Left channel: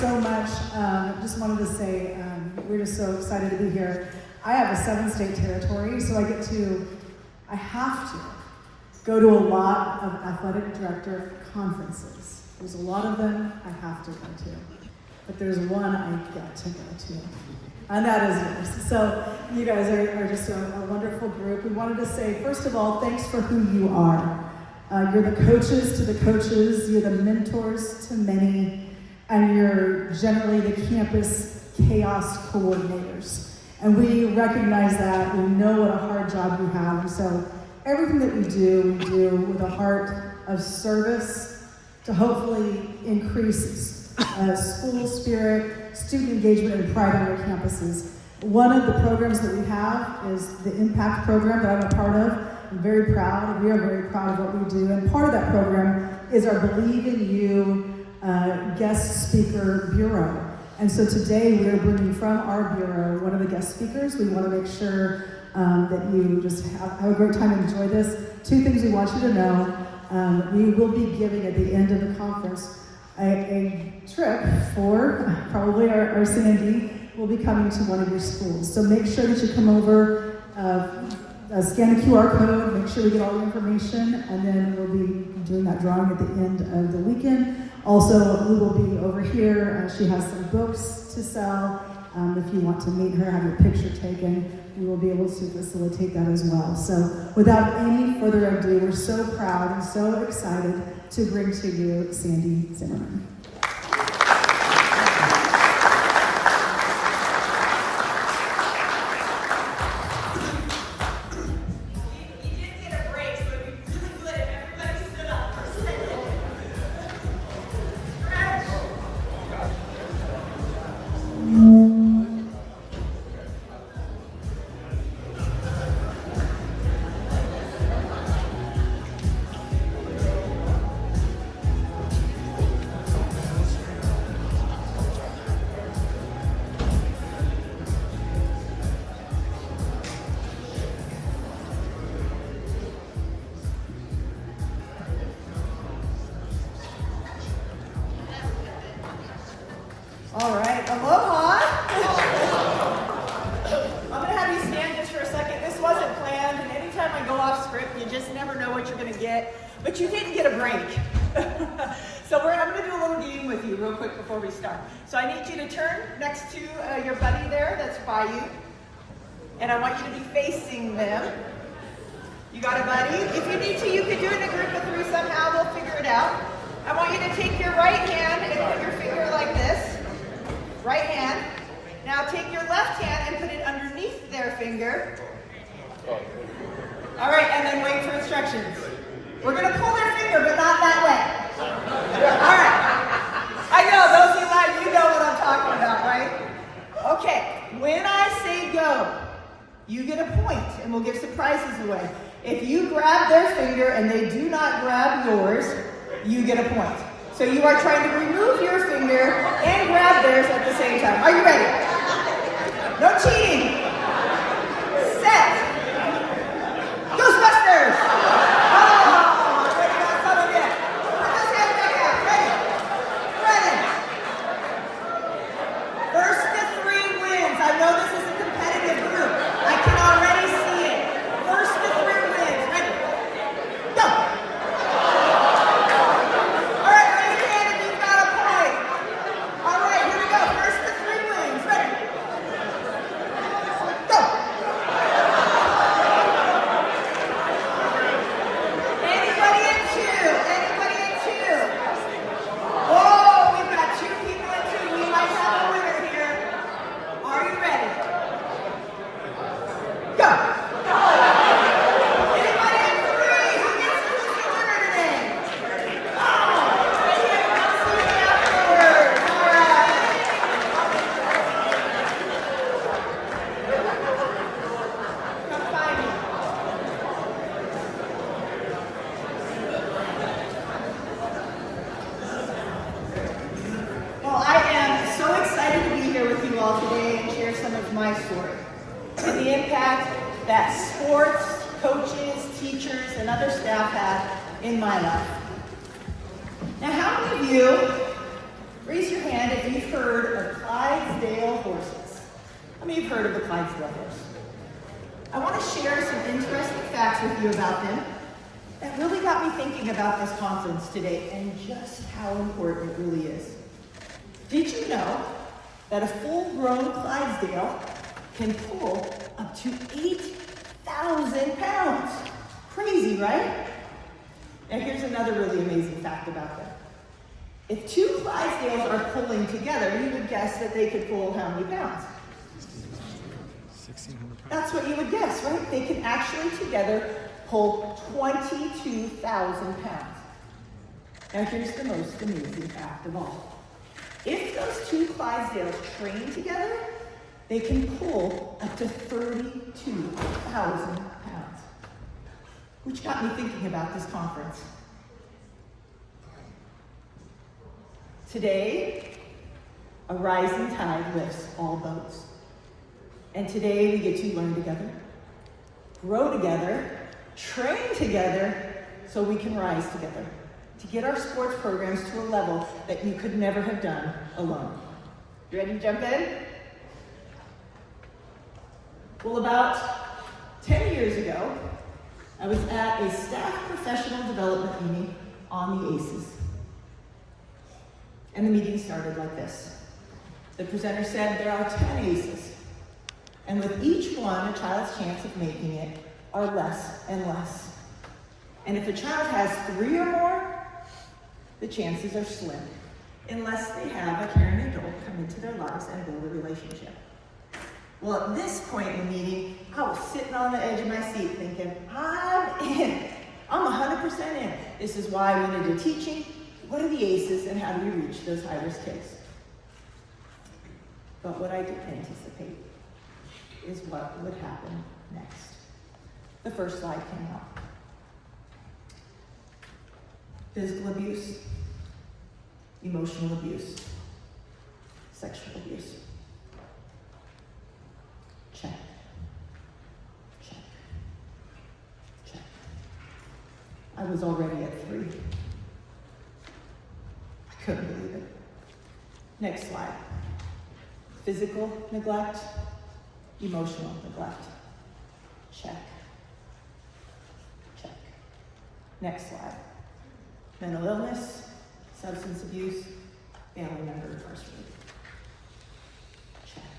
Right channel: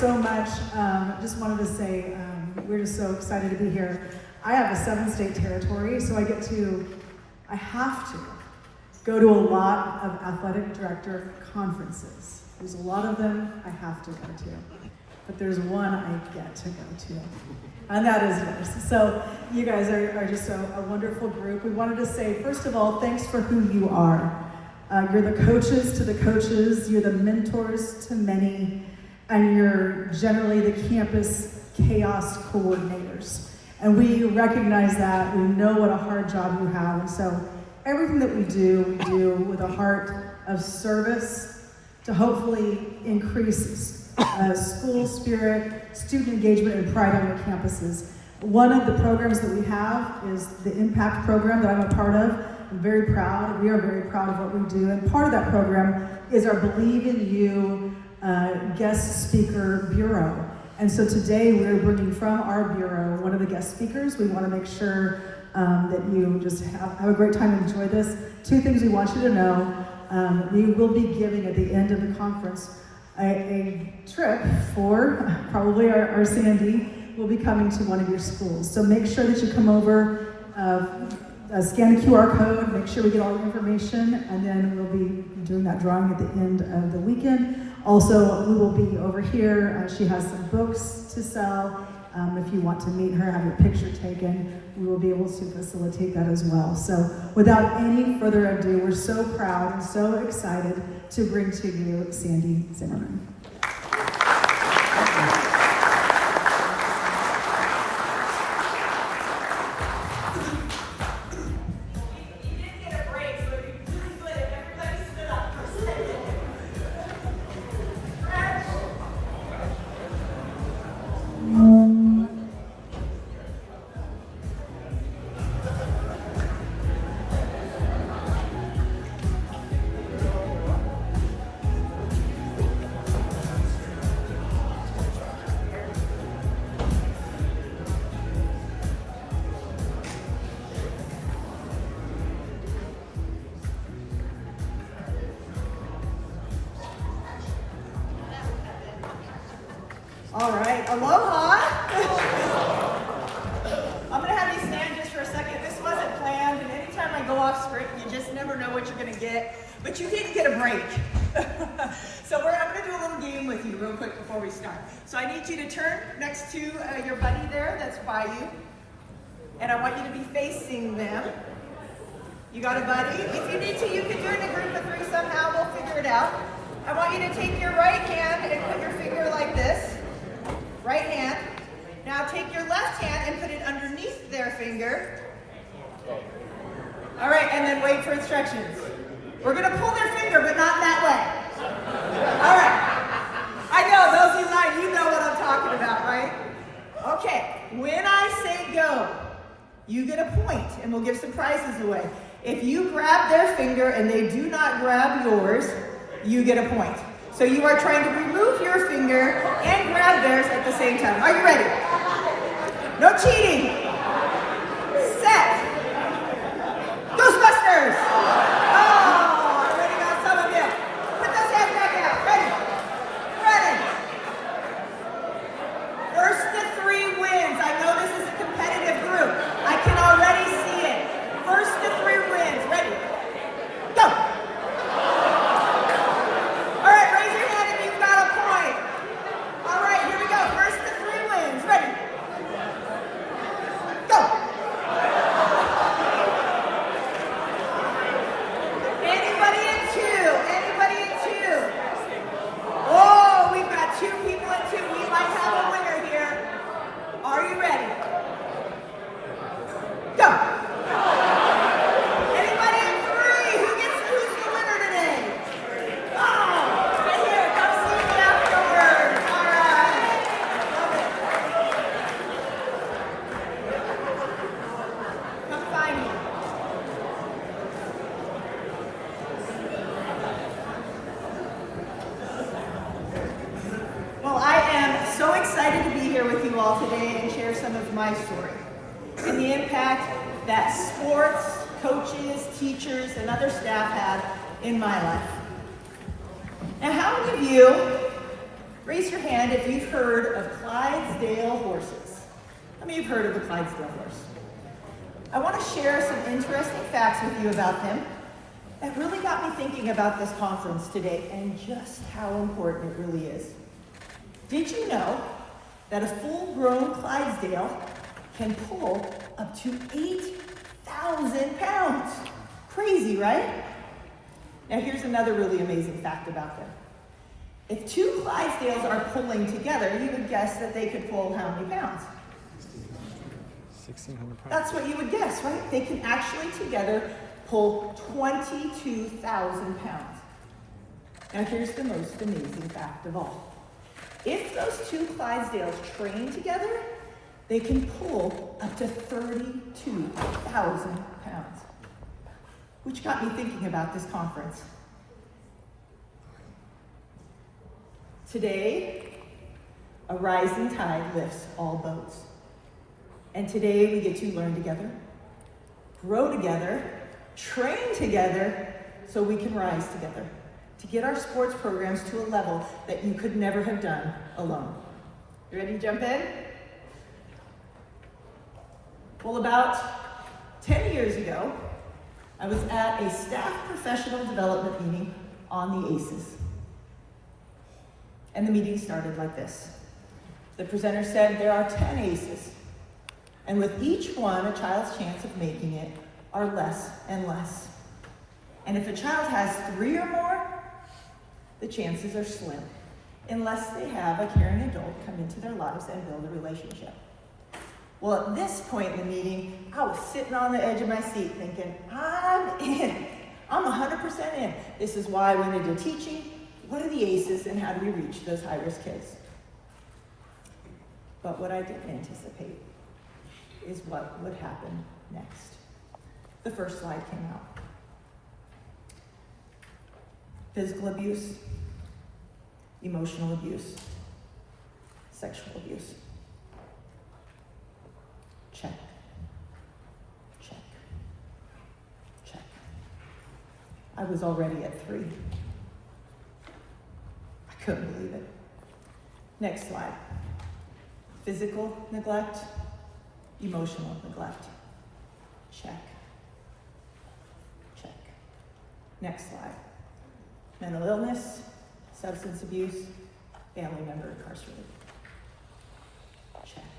so much. Just wanted to say we're just so excited to be here. I have a 7-state territory, so I have to go to a lot of athletic director conferences. There's a lot of them I have to go to, but there's one I get to go to, and that is yours. So you guys are just a wonderful group. We wanted to say, first of all, thanks for who you are. You're the coaches to the coaches, you're the mentors to many, and you're generally the campus chaos coordinators. And we recognize that, we know what a hard job you have, so everything that we do with a heart of service to hopefully increase school spirit, student engagement, and pride on our campuses. One of the programs that we have is the Impact program that I'm a part of. I'm very proud, we are very proud of what we do, and part of that program is our Believe in You guest speaker bureau. And so today we're bringing from our bureau one of the guest speakers. We want to make sure that you just have a great time and enjoy this. 2 things we want you to know. We will be giving at the end of the conference a trip for probably our Sandy will be coming to one of your schools. So make sure that you come over, scan the QR code, make sure we get all the information, and then we'll be doing that drawing at the end of the weekend. Also, we will be over here. She has some books to sell. If you want to meet her, have your picture taken, we will be able to facilitate that as well. So without any further ado, we're so proud and so excited to bring to you Sandy Zimmerman. All right, aloha. I'm gonna have you stand just for a second. This wasn't planned, and anytime I go off script, you just never know what you're gonna get. But you didn't get a break. So I'm gonna do a little game with you real quick before we start. So I need you to turn next to your buddy there that's by you. And I want you to be facing them. You got a buddy? If you need to, you can do it in a group of 3 somehow. We'll figure it out. I want you to take your right hand and put your finger like this. Right hand. Now take your left hand and put it underneath their finger. All right, and then wait for instructions. We're going to pull their finger, but not that way. All right. I know, those of you know what I'm talking about, right? Okay, when I say go, you get a point, and we'll give some prizes away. If you grab their finger and they do not grab yours, you get a point. So you are trying to remove your finger and grab theirs at the same time. Are you ready? No cheating. Set. Ghostbusters. Oh, I already got some of it. Put those hands back out. Ready. First to 3 wins. I know this is a competitive group. I can already see it. First to 3 wins. Ready? Go. My story, to the impact that sports, coaches, teachers, and other staff have in my life. And how many of you Raise your hand if you've heard of Clydesdale horses. How many have heard of the Clydesdale horse? I want to share some interesting facts with you about them that really got me thinking about this conference today and just how important it really is. Did you know that a full-grown Clydesdale can pull up to 8,000 pounds? Crazy, right? Now here's another really amazing fact about them. If two Clydesdales are pulling together, you would guess that they could pull how many pounds? 1,600 pounds. That's what you would guess, right? They can actually together pull 22,000 pounds. Now here's the most amazing fact of all. If those two Clydesdales train together, they can pull up to 32,000 pounds. Which got me thinking about this conference. Today, a rising tide lifts all boats. And today we get to learn together, grow together, train together, so we can rise together, to get our sports programs to a level that you could never have done alone. You ready to jump in? Well, about 10 years ago, I was at a staff professional development meeting on the ACEs. And the meeting started like this. The presenter said there are 10 ACEs. And with each one, a child's chance of making it are less and less. And if a child has 3 or more, the chances are slim, unless they have a caring adult come into their lives and build a relationship. Well, at this point in the meeting, I was sitting on the edge of my seat thinking, I'm in. I'm 100% in. This is why we need to teaching. What are the ACEs and how do we reach those high-risk kids? But what I didn't anticipate is what would happen next. The first slide came out. Physical abuse, emotional abuse, sexual abuse. Check. Check. Check. I was already at 3. I couldn't believe it. Next slide. Physical neglect, emotional neglect. Check. Check. Next slide. Mental illness, substance abuse, family member incarcerated. Check.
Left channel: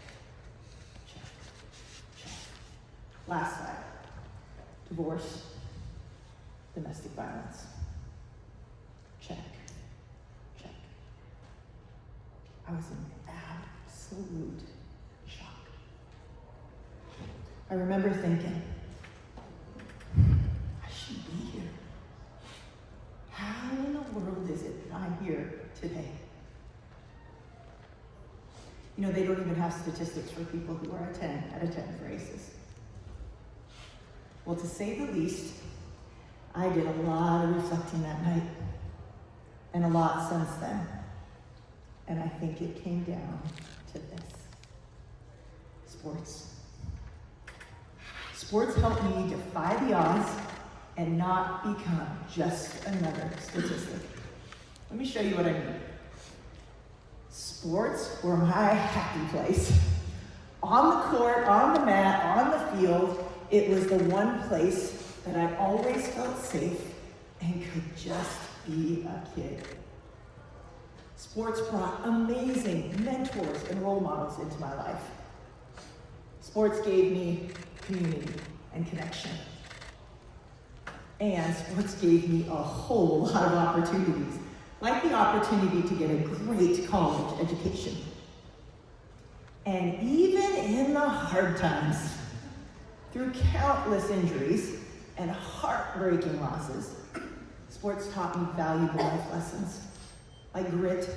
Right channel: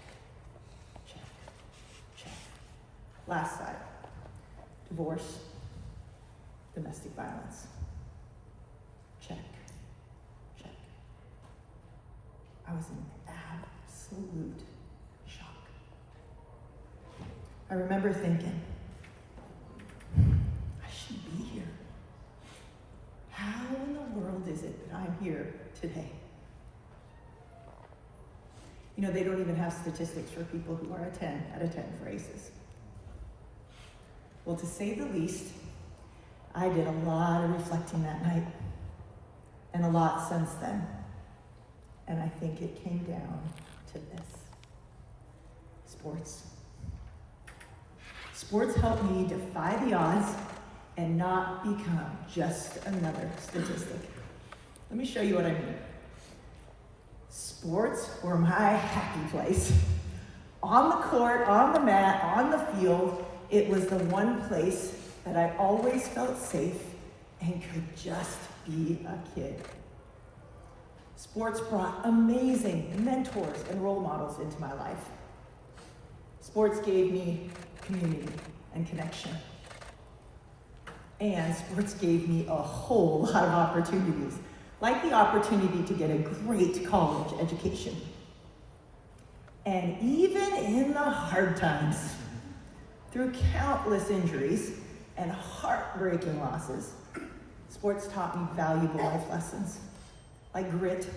Check. Check. Last slide. Divorce, domestic violence. Check. Check. I was in absolute shock. I remember thinking, I should be here. How in the world is it that I'm here today? You know, they don't even have statistics for people who are a 10 out of 10 for ACEs. Well, to say the least, I did a lot of reflecting that night, and a lot since then. And I think it came down to this. Sports. Sports helped me defy the odds and not become just another statistic. Let me show you what I mean. Sports were my happy place. On the court, on the mat, on the field, it was the one place that I always felt safe and could just be a kid. Sports brought amazing mentors and role models into my life. Sports gave me community and connection. And sports gave me a whole lot of opportunities, like the opportunity to get a great college education. And even in the hard times, through countless injuries and heartbreaking losses, sports taught me valuable life lessons, like grit,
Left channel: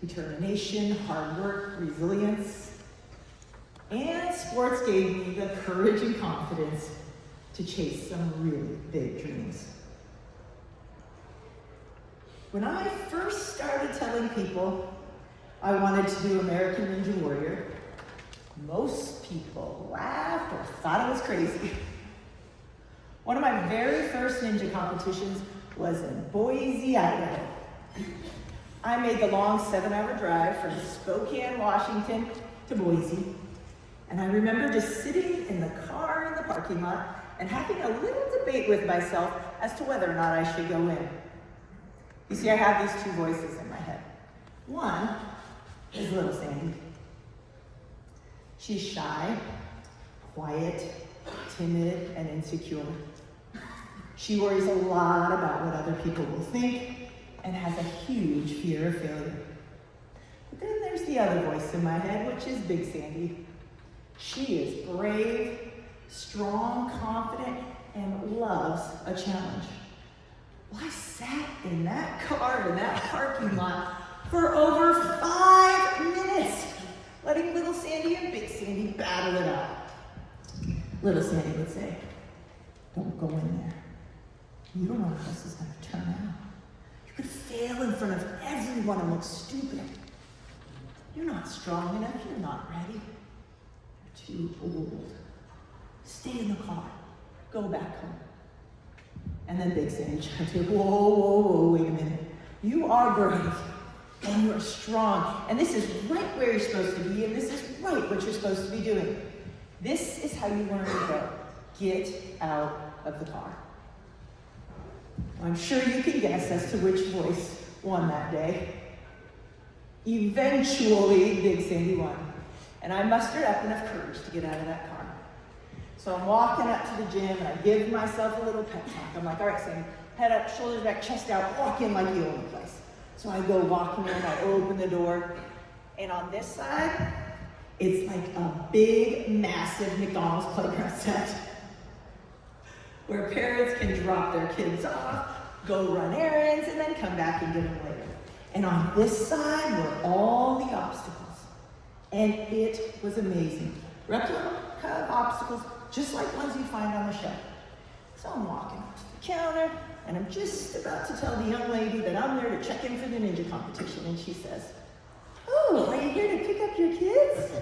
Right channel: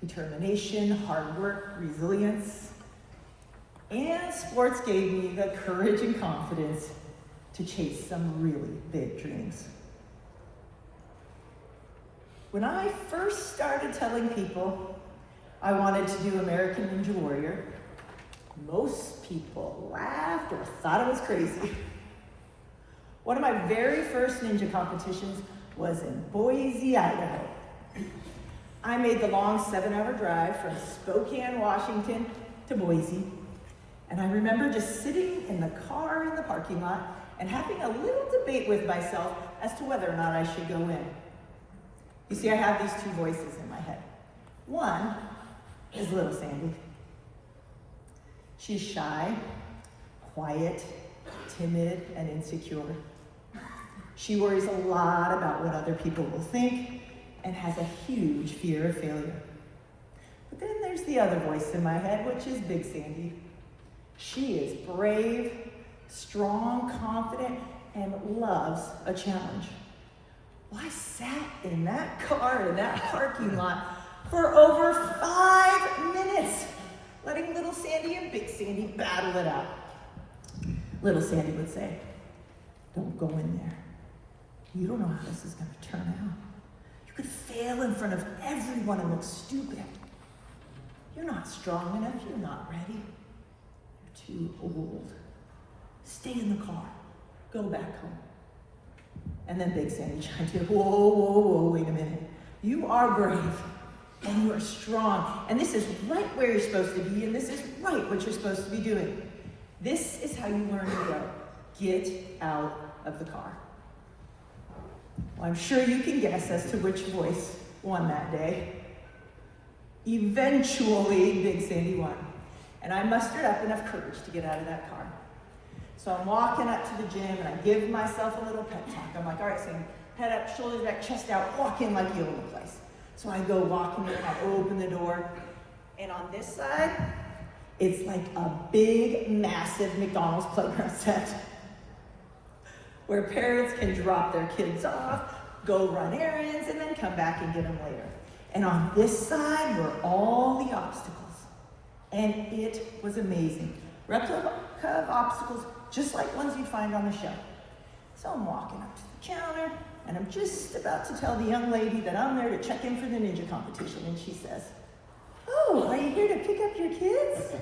determination, hard work, resilience. And sports gave me the courage and confidence to chase some really big dreams. When I first started telling people I wanted to do American Ninja Warrior, most people laughed or thought I was crazy. One of my very first ninja competitions was in Boise, Idaho. I made the long 7-hour drive from Spokane, Washington to Boise. And I remember just sitting in the car in the parking lot and having a little debate with myself as to whether or not I should go in. You see, I have these two voices in my head. One is little Sandy. She's shy, quiet, timid, and insecure. She worries a lot about what other people will think and has a huge fear of failure. But then there's the other voice in my head, which is Big Sandy. She is brave, strong, confident, and loves a challenge. Well, I sat in that car in that parking lot for over 5 minutes, letting little Sandy and Big Sandy battle it out. Little Sandy would say, "Don't go in there. You don't know how this is going to turn out. You could fail in front of everyone and look stupid. You're not strong enough. You're not ready. You're too old. Stay in the car. Go back home." And then Big Sandy chimed in, whoa, wait a minute. You are brave, and you're strong, and this is right where you're supposed to be, and this is right what you're supposed to be doing. This is how you learn to go. Get out of the car. Well, I'm sure you can guess as to which voice won that day. Eventually, Big Sandy won, and I mustered up enough courage to get out of that car. So I'm walking up to the gym, and I give myself a little pep talk. I'm like, all right, Sandy, head up, shoulders back, chest out, walk in like you own the place. So I go walking in, I open the door, and on this side, it's like a big, massive McDonald's playground set where parents can drop their kids off, go run errands, and then come back and get them later. And on this side were all the obstacles, and it was amazing. Replica of obstacles, just like ones you find on the show. So I'm walking up to the counter, and I'm just about to tell the young lady that I'm there to check in for the ninja competition, and she says, "Oh, are you here to pick up your kids?"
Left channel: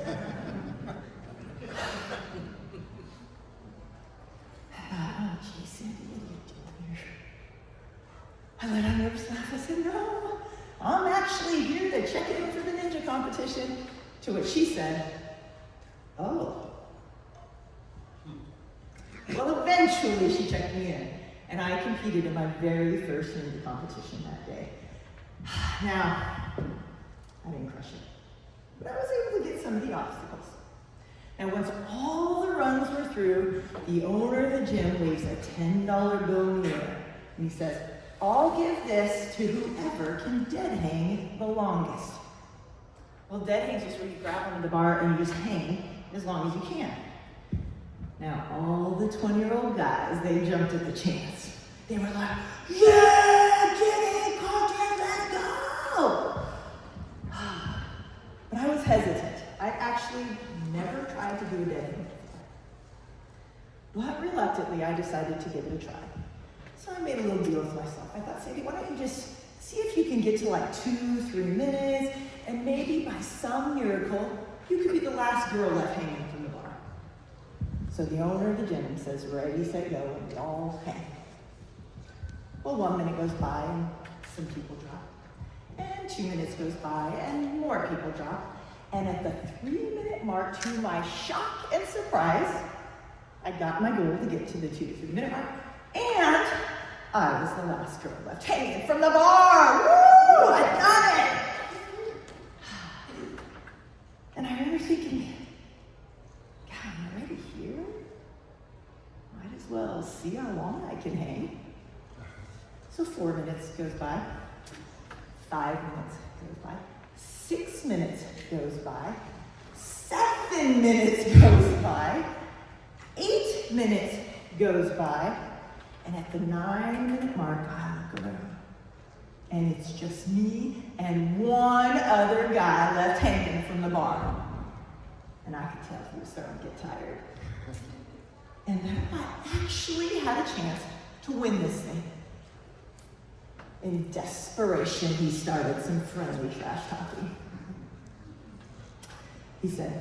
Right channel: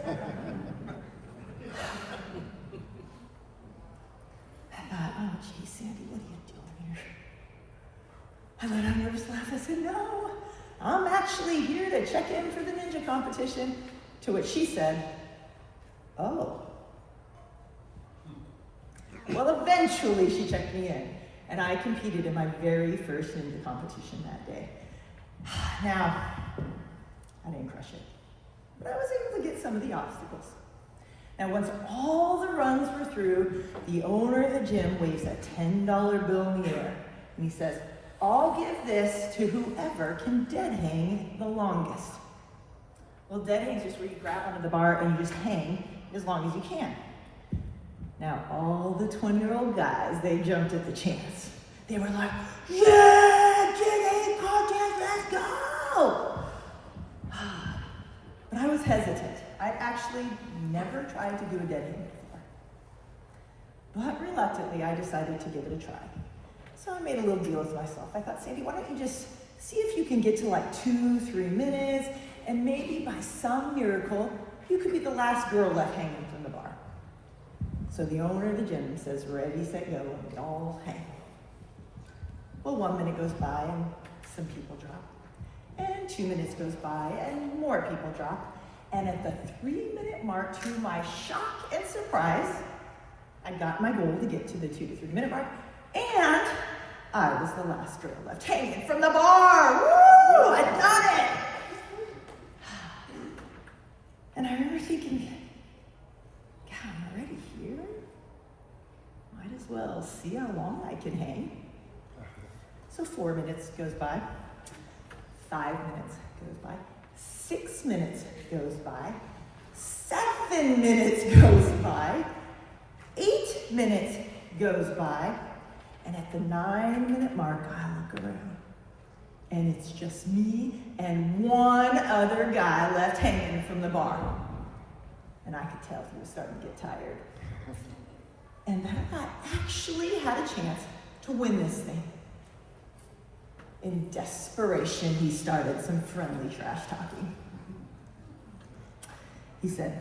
I thought, oh, gee, Sandy, what are you doing here? I let out a nervous laugh. I said, "No, I'm actually here to check in for the ninja competition." To which she said, "Oh." Well, eventually she checked me in, and I competed in my very first ninja competition that day. Now, I didn't crush it, but I was able to get some of the obstacles. And once all the runs were through, the owner of the gym waves a $10 bill in the air, and he says, "I'll give this to whoever can dead hang the longest." Well, dead hang is just where you grab onto the bar and you just hang as long as you can. Now, all the 20-year-old guys, they jumped at the chance. They were like, "Yeah, get in, contest, let's go!" But I was hesitant. I actually never tried to do a dead hang before. But reluctantly, I decided to give it a try. So I made a little deal with myself. I thought, Sandy, why don't you just see if you can get to like 2-3 minutes, and maybe by some miracle, you could be the last girl left hanging from the bar. So the owner of the gym says, "Ready, set, go," and we all hang. Well, 1 minute goes by, and some people drop. And 2 minutes goes by, and more people drop. And at the 3-minute mark, to my shock and surprise, I got my goal to get to the 2 to 3 minute mark, and I was the last girl left hanging from the bar. Woo! I got it! And I remember thinking, God, I'm already here. Might as well see how long I can hang. So 4 minutes goes by, 5 minutes goes by, 6 minutes goes by, 7 minutes goes by, 8 minutes goes by, and at the 9-minute mark, I look around, and it's just me and one other guy left hanging from the bar. And I could tell he was starting to get tired. And then I actually had a chance to win this thing. In desperation, he started some friendly trash talking. He said,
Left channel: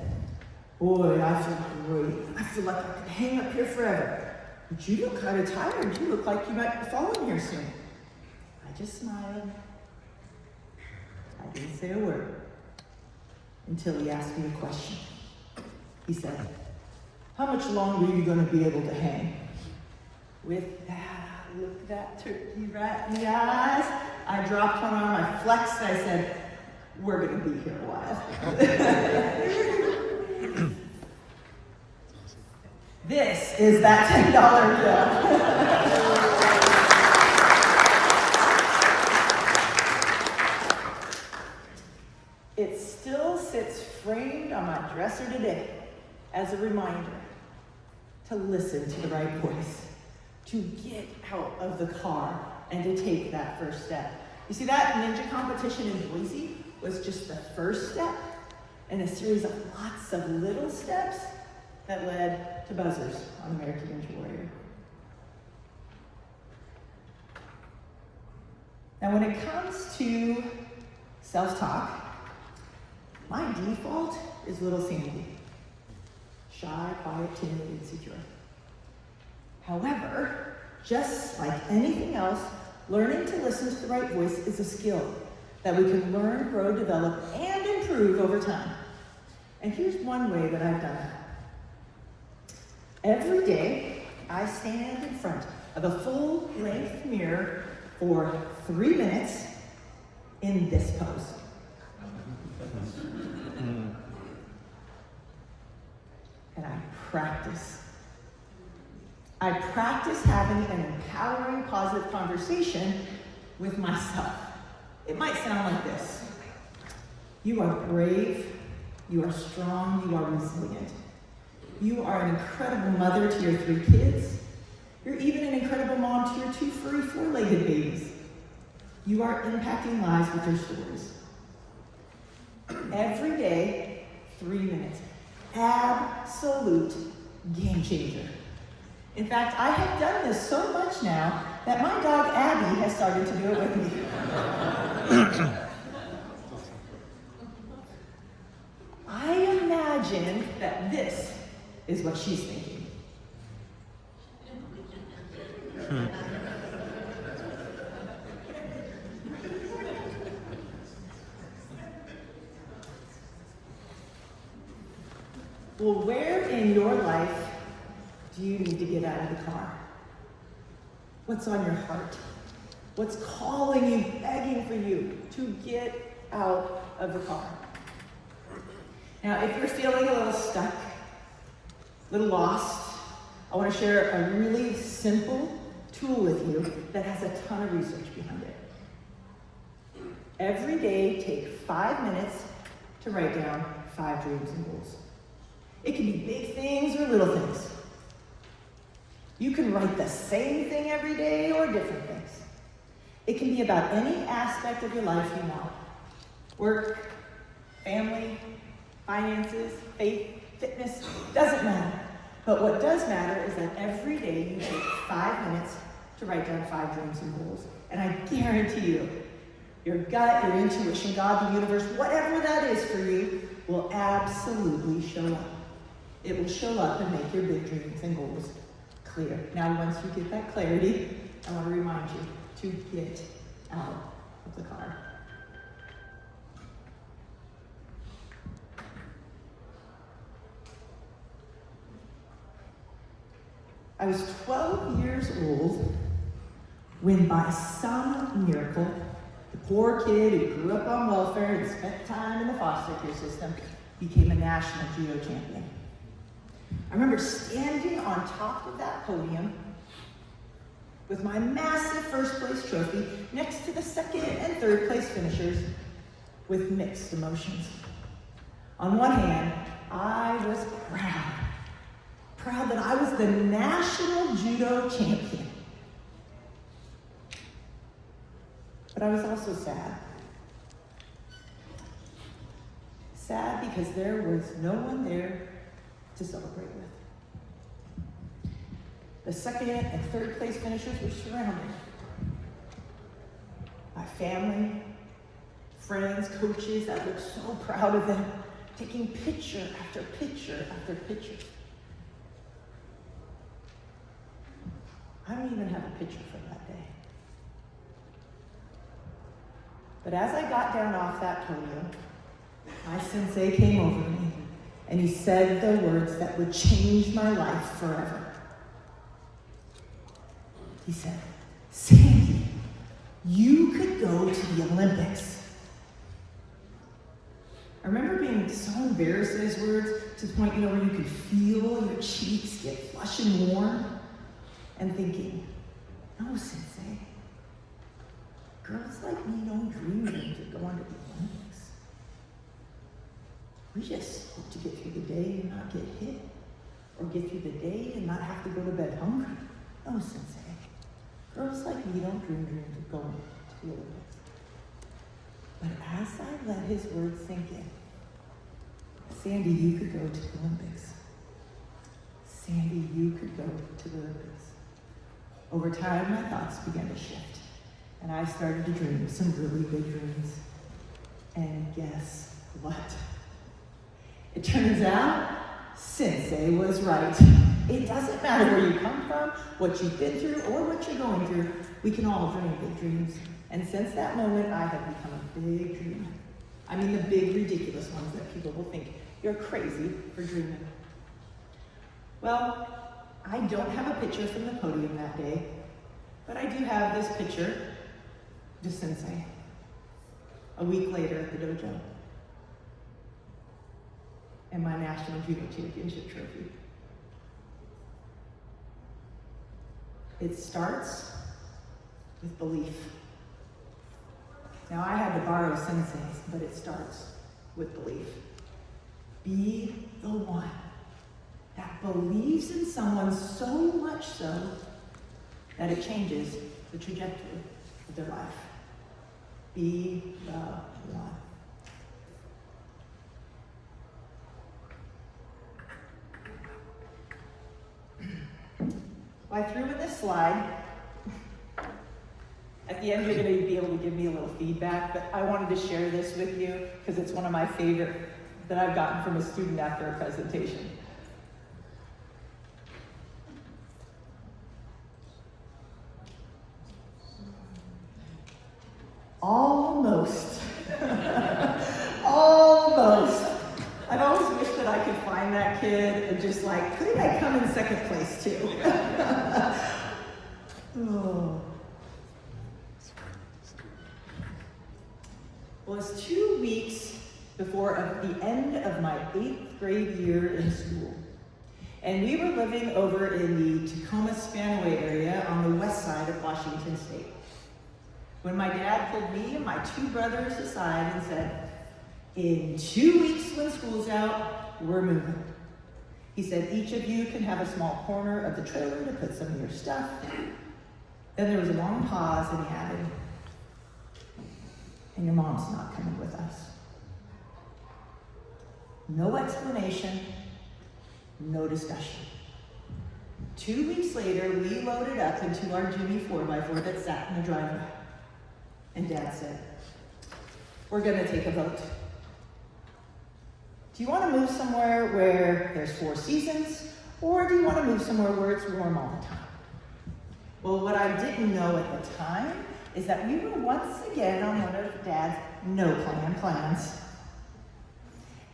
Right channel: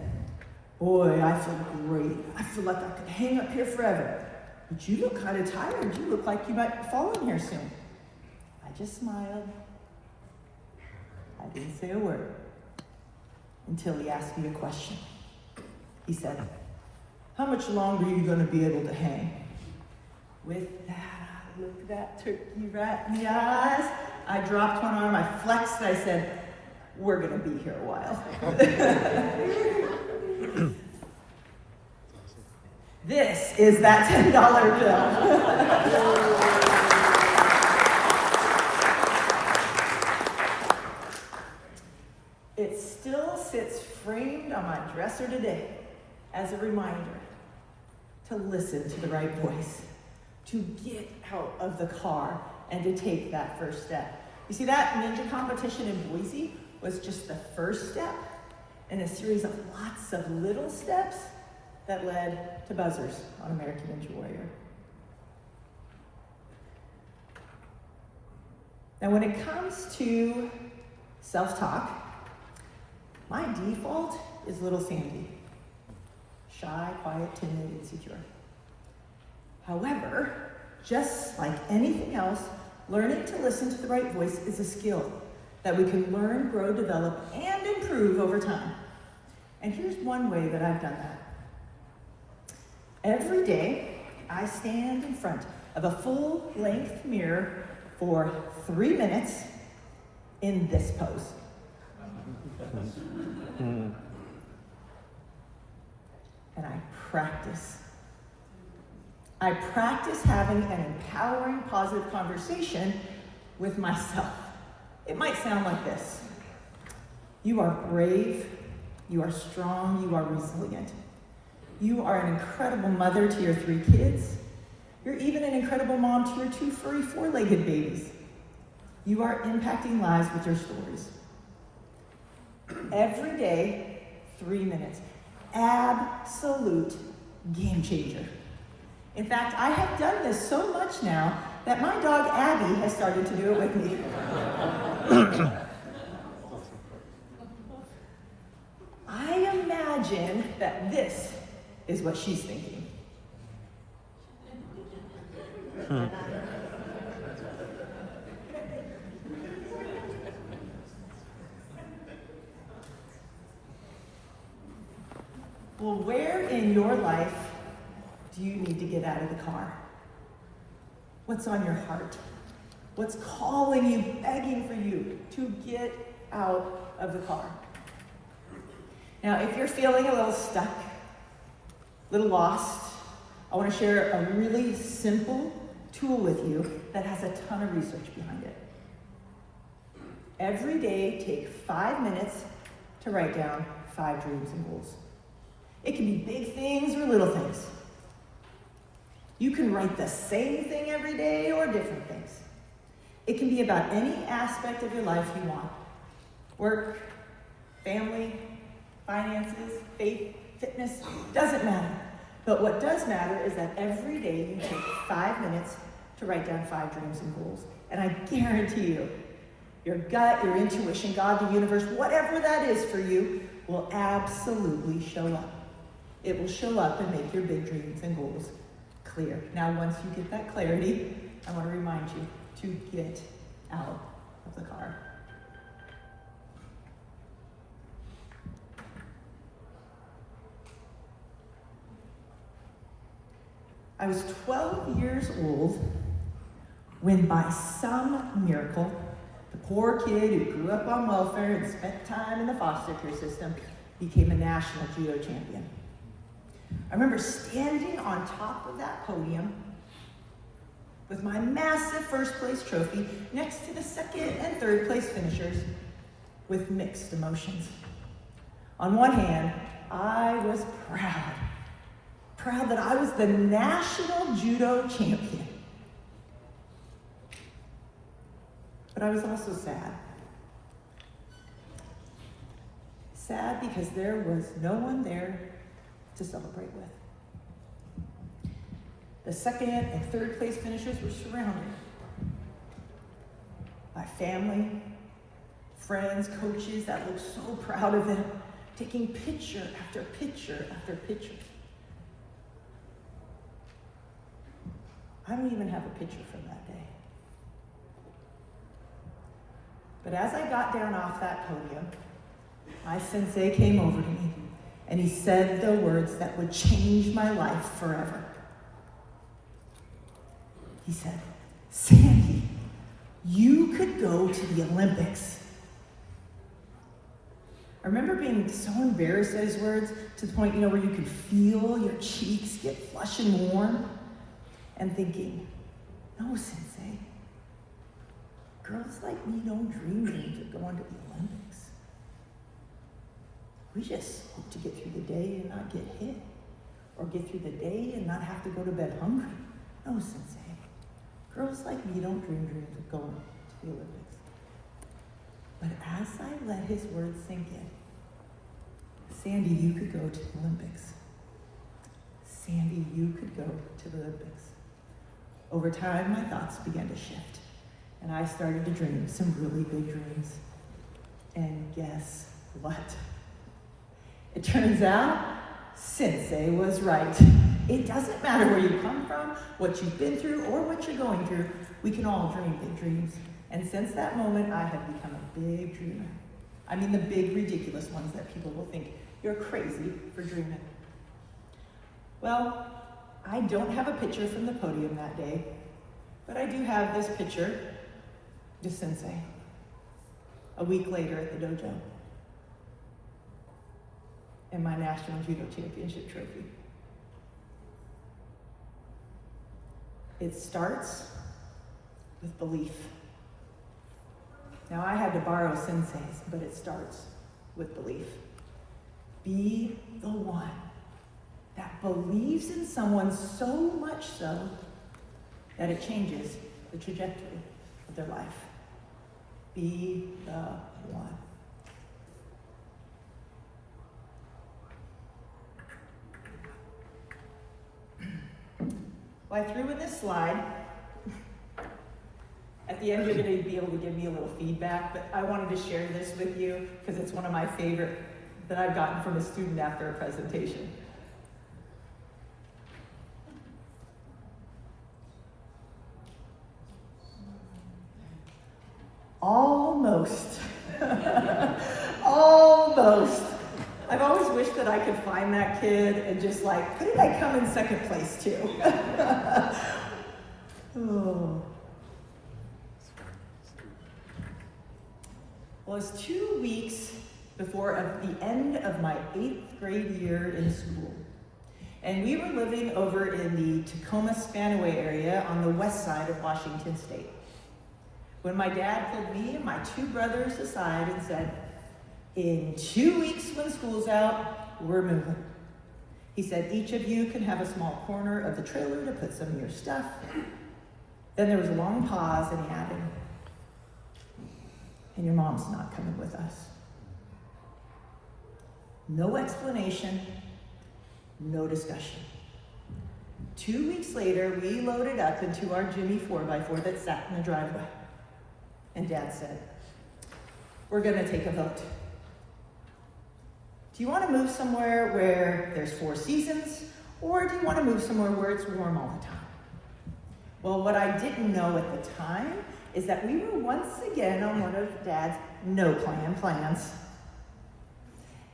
"Boy, I feel great. I feel like I could hang up here forever. But you look kind of tired. You look like you might be falling here soon." I just smiled. I didn't say a word until he asked me a question. He said, "How much longer are you going to be able to hang?" With that, I looked that turkey right in the eyes. I dropped one arm, I flexed, I said, "We're going to be here a while." This is that $10 bill. It still sits framed on my dresser today as a reminder to listen to the right voice, to get out of the car and to take that first step. You see, that ninja competition in Boise was just the first step in a series of lots of little steps that led to buzzers on American Ninja Warrior. Now, when it comes to self-talk, my default is little Sandy. Shy, quiet, timid, insecure. However, just like anything else, learning to listen to the right voice is a skill that we can learn, grow, develop, and improve over time. And here's one way that I've done that. Every day, I stand in front of a full-length mirror for 3 minutes in this pose. And I practice. I practice having an empowering, positive conversation with myself. It might sound like this. You are brave, you are strong, you are resilient. You are an incredible mother to your 3 kids. You're even an incredible mom to your 2 furry 4-legged babies. You are impacting lives with your stories. Every day, 3 minutes. Absolute game changer. In fact, I have done this so much now that my dog Abby has started to do it with me. I imagine that this is what she's thinking. Well, where in your life do you need to get out of the car? What's on your heart? What's calling you, begging for you to get out of the car? Now, if you're feeling a little stuck, a little lost, I want to share a really simple tool with you that has a ton of research behind it. Every day, take 5 minutes to write down 5 dreams and goals. It can be big things or little things. You can write the same thing every day or different things. It can be about any aspect of your life you want. Work, family, finances, faith, fitness, doesn't matter. But what does matter is that every day you take 5 minutes to write down 5 dreams and goals. And I guarantee you, your gut, your intuition, God, the universe, whatever that is for you, will absolutely show up. It will show up and make your big dreams and goals clear. Now, once you get that clarity, I want to remind you to get out of the car. I was 12 years old when, by some miracle, the poor kid who grew up on welfare and spent time in the foster care system became a national judo champion. I remember standing on top of that podium with my massive first place trophy next to the second and third place finishers with mixed emotions. On one hand, I was proud that I was the national judo champion. But I was also sad. Sad because there was no one there to celebrate with. The second and third place finishers were surrounded by family, friends, coaches that were so proud of them, taking picture after picture after picture. I don't even have a picture from that day. But as I got down off that podium, my sensei came over to me and he said the words that would change my life forever. He said, Sandy, you could go to the Olympics. I remember being so embarrassed at his words to the point, where you could feel your cheeks get flush and warm, and thinking, no, Sensei, girls like me don't dream of going to the Olympics. We just hope to get through the day and not get hit, or get through the day and not have to go to bed hungry. No, Sensei, girls like me don't dream of going to the Olympics. But as I let his words sink in, Sandy, you could go to the Olympics. Sandy, you could go to the Olympics. Over time, my thoughts began to shift, and I started to dream some really big dreams. And guess what? It turns out, Sensei was right. It doesn't matter where you come from, what you've been through, or what you're going through. We can all dream big dreams. And since that moment, I have become a big dreamer. I mean the big, ridiculous ones that people will think you're crazy for dreaming. Well, I don't have a picture from the podium that day, but I do have this picture of Sensei a week later at the dojo and my national judo championship trophy. It starts with belief. Now, I had to borrow Sensei's, but it starts with belief. Be the one that believes in someone so much so that it changes the trajectory of their life. Be the one. Well, I threw in this slide. At the end, you're going to be able to give me a little feedback, but I wanted to share this with you because it's one of my favorite that I've gotten from a student after a presentation. Almost. Almost. I've always wished that I could find that kid and just like, couldn't I come in second place too? Oh. Well, it's 2 weeks before the end of my 8th grade year in school. And we were living over in the Tacoma Spanaway area on the west side of Washington State. When my dad pulled me and my 2 brothers aside and said, in 2 weeks when school's out, we're moving. He said, each of you can have a small corner of the trailer to put some of your stuff. Then there was a long pause and he added, and your mom's not coming with us. No explanation, no discussion. 2 weeks later, we loaded up into our Jimmy 4x4 that sat in the driveway. And Dad said, we're gonna take a vote. Do you wanna move somewhere where there's 4 seasons, or do you wanna move somewhere where it's warm all the time? Well, what I didn't know at the time is that we were once again on one of Dad's no-plan plans.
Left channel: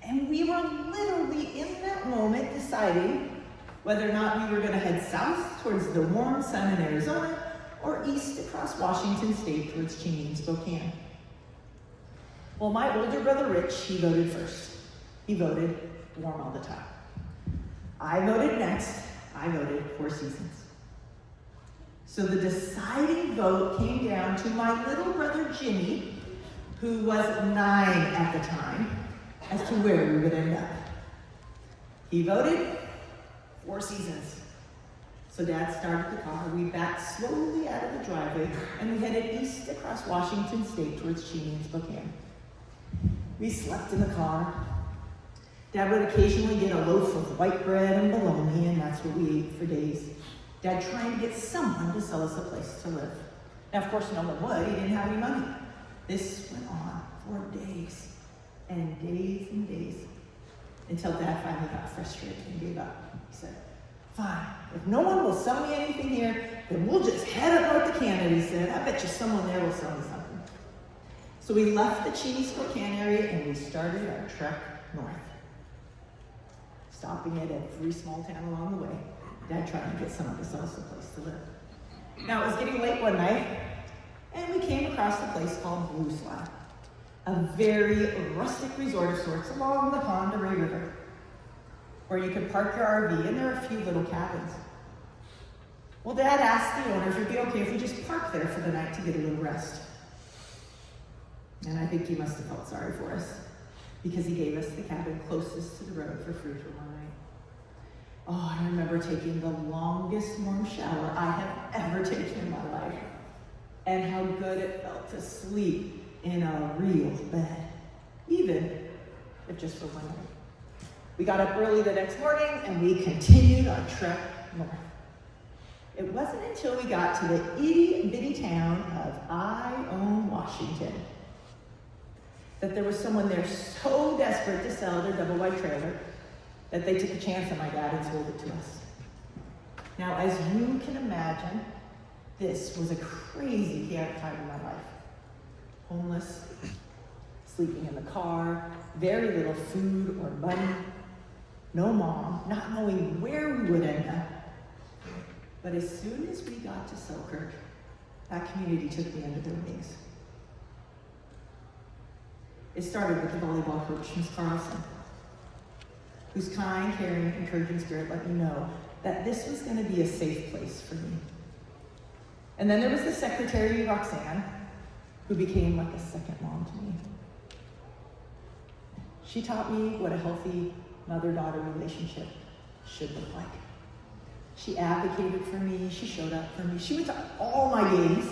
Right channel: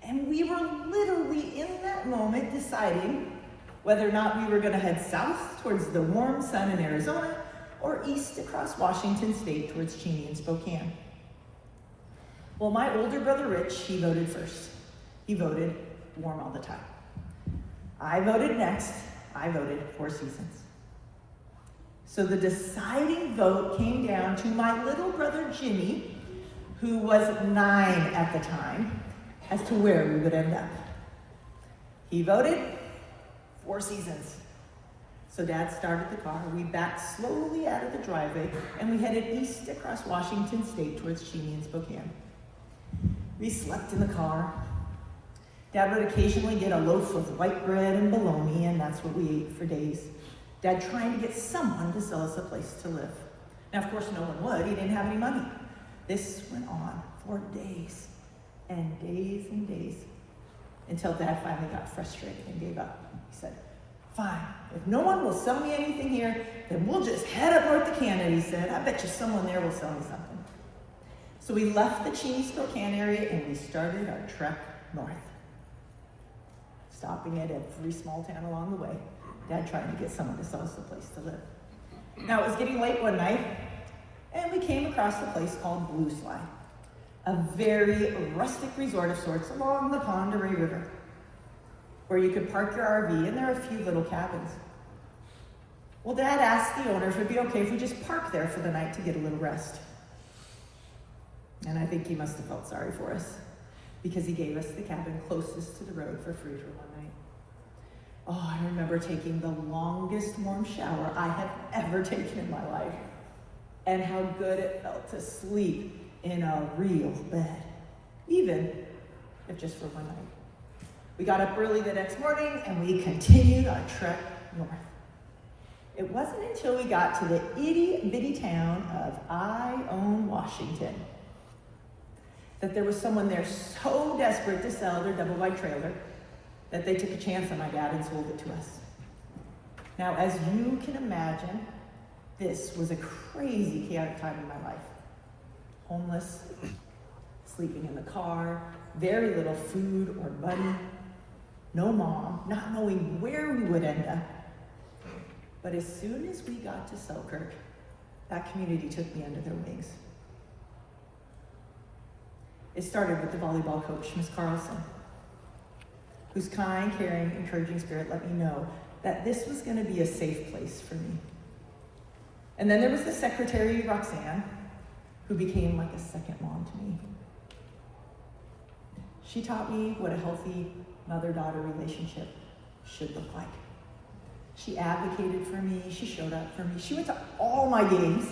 And we were literally in that moment deciding whether or not we were gonna head south towards the warm sun in Arizona or east across Washington State towards Cheney and Spokane. Well, my older brother Rich, he voted first. He voted warm all the time. I voted next. I voted 4 seasons. So the deciding vote came down to my little brother Jimmy, who was 9 at the time, as to where we would end up. He voted 4 seasons. So Dad started the car, we backed slowly out of the driveway, and we headed east across Washington State towards Cheney and Spokane. We slept in the car. Dad would occasionally get a loaf of white bread and bologna, and that's what we ate for days. Dad trying to get someone to sell us a place to live. Now, of course, no one would. He didn't have any money. This went on for days and days and days until Dad finally got frustrated and gave up. He said, fine, if no one will sell me anything here, then we'll just head up north to Canada, he said. I bet you someone there will sell me something. So we left the Cheney Spokane area and we started our trek north, stopping at every small town along the way. Dad trying to get some of us a place to live. Now it was getting late one night, and we came across a place called Blue Slide, a very rustic resort of sorts along the Pond of River, where you could park your RV, and there are a few little cabins. Well, Dad asked the owner if it'd be okay if we just parked there for the night to get a little rest. And I think he must have felt sorry for us, because he gave us the cabin closest to the road for free for one night. Oh, I remember taking the longest warm shower I have ever taken in my life, and how good it felt to sleep in a real bed, even if just for one night. We got up early the next morning and we continued our trek north. It wasn't until we got to the itty-bitty town of Ione, Washington, that there was someone there so desperate to sell their double wide trailer that they took a chance on my dad and sold it to us. Now, as you can imagine, this was a crazy, chaotic time in my life. Homeless, sleeping in the car, very little food or money, no mom, not knowing where we would end up. But as soon as we got to Selkirk, that community took me under their wings. It started with the volleyball coach, Miss Carlson, whose kind, caring, encouraging spirit let me know that this was going to be a safe place for me. And then there was the secretary, Roxanne, who became like a second mom to me. She taught me what a healthy mother-daughter relationship should look like. She advocated for me, she showed up for me. She went to all my games,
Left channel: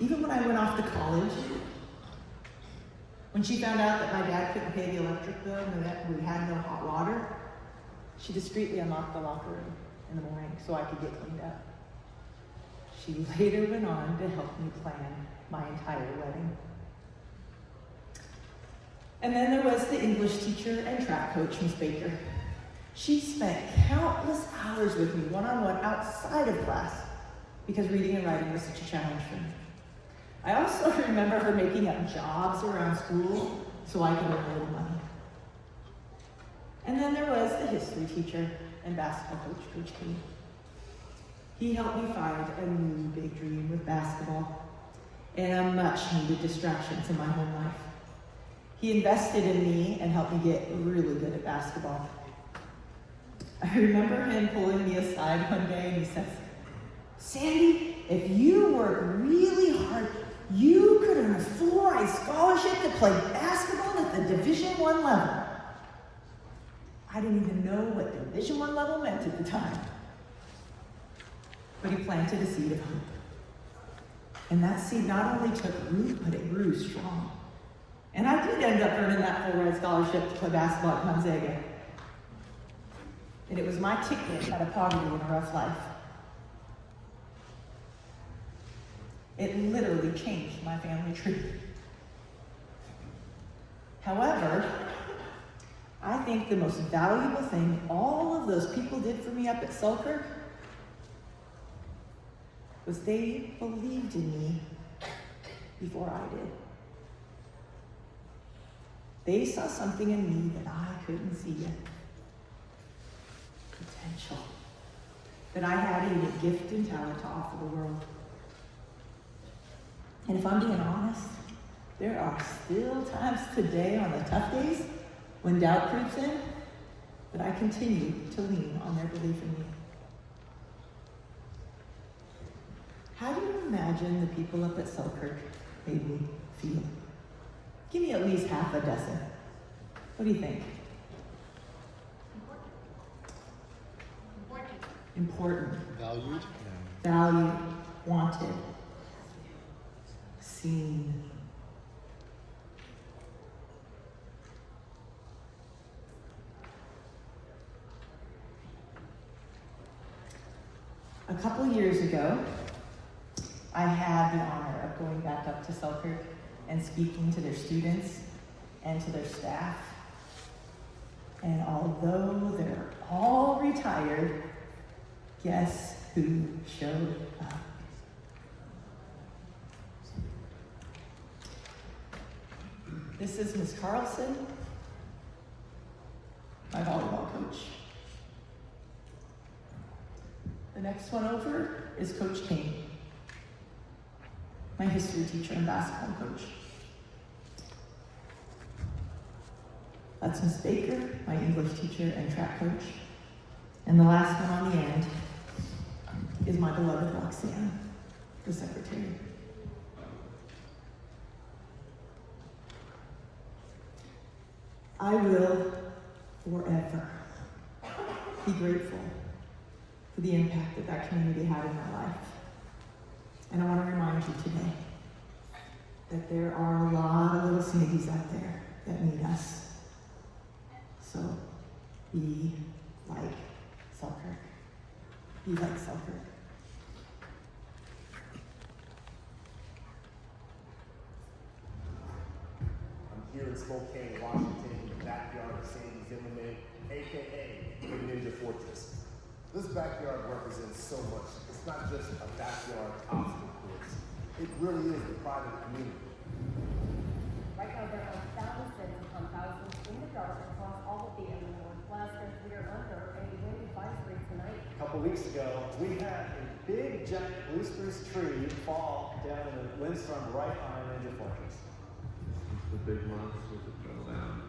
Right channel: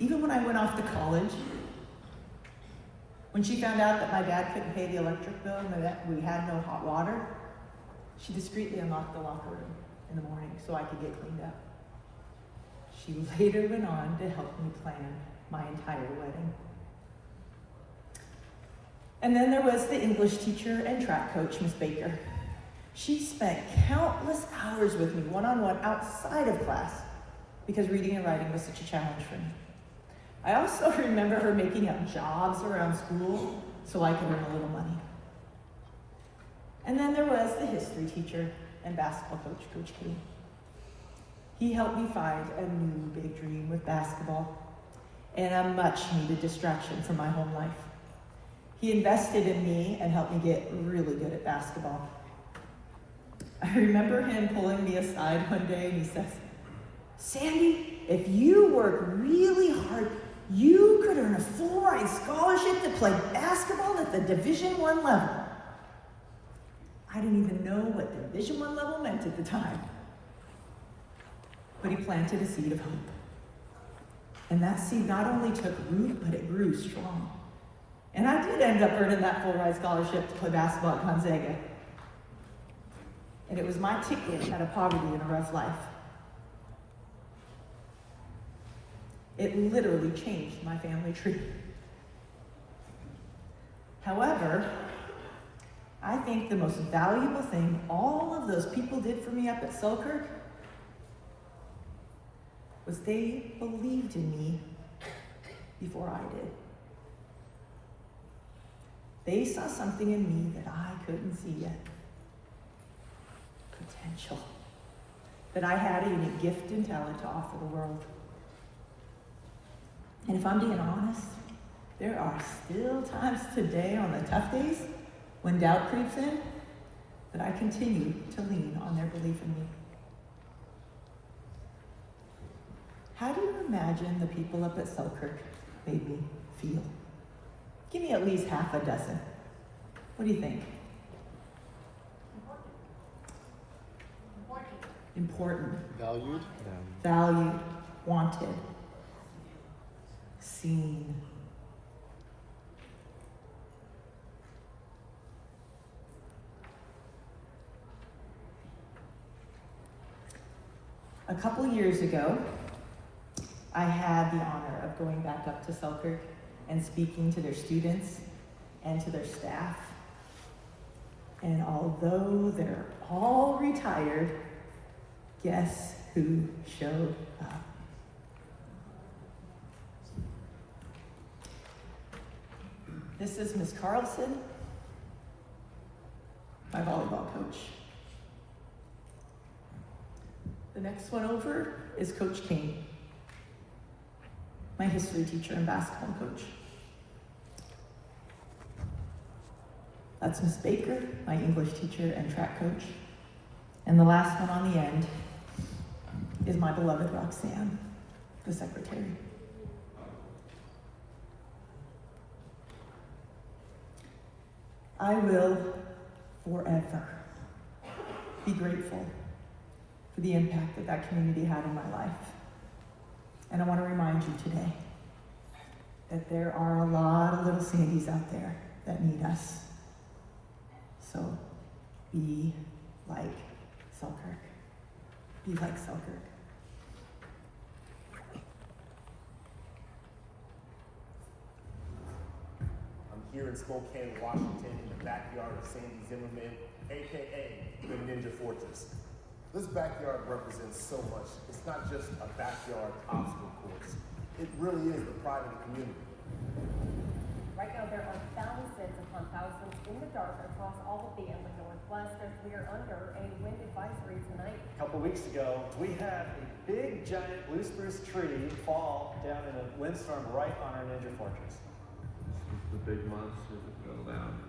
even when I went off to college. When she found out that my dad couldn't pay the electric bill and that we had no hot water, she discreetly unlocked the locker room in the morning so I could get cleaned up. She later went on to help me plan my entire wedding. And then there was the English teacher and track coach, Miss Baker. She spent countless hours with me one-on-one outside of class because reading and writing was such a challenge for me. I also remember her making up jobs around school so I could earn a little money. And then there was the history teacher and basketball coach, Coach Key. He helped me find a new big dream with basketball and a much-needed distraction from my home life. He invested in me and helped me get really good at basketball. I remember him pulling me aside one day and he says, "Sandy, if you work really hard, you could earn a full-ride scholarship to play basketball at the Division I level." I didn't even know what Division I level meant at the time. But he planted a seed of hope. And that seed not only took root, but it grew strong. And I did end up earning that full-ride scholarship to play basketball at Gonzaga. And it was my ticket out of poverty and a rough life. It literally changed my family tree. However, I think the most valuable thing all of those people did for me up at Selkirk was they believed in me before I did. They saw something in me that I couldn't see yet. Potential. That I had a unique gift and talent to offer the world. And if I'm being honest, there are still times today on the tough days when doubt creeps in, that I continue to lean on their belief in me. How do you imagine the people up at Selkirk made me feel? Give me at least half a dozen. What do you think? Important. Valued. Valued. Wanted. Seen. A couple years ago, I had the honor of going back up to Selkirk and speaking to their students and to their staff. And although they're all retired, guess who showed up? This is Ms. Carlson, my volleyball coach. The next one over is Coach King, my history teacher and basketball coach. That's Ms. Baker, my English teacher and track coach. And the last one on the end is my beloved Roxanne, the secretary. I will forever be grateful for the impact that that community had in my life. And I want to remind you today that there are a lot of little Sandys out there that need us. So be like Selkirk. Be like Selkirk. I'm here in Spokane, Washington, in the backyard of Sandy Zimmerman, aka the Ninja Fortress. This backyard represents so much. It's not just a backyard obstacle course. It really is the pride of the community. Right now, there are thousands upon thousands in the dark across all of the Illinois. Plus, we are under a wind advisory tonight. A couple weeks ago, we had a big, giant blue spruce tree fall down in a windstorm right on our Ninja Fortress. The big monster that fell down.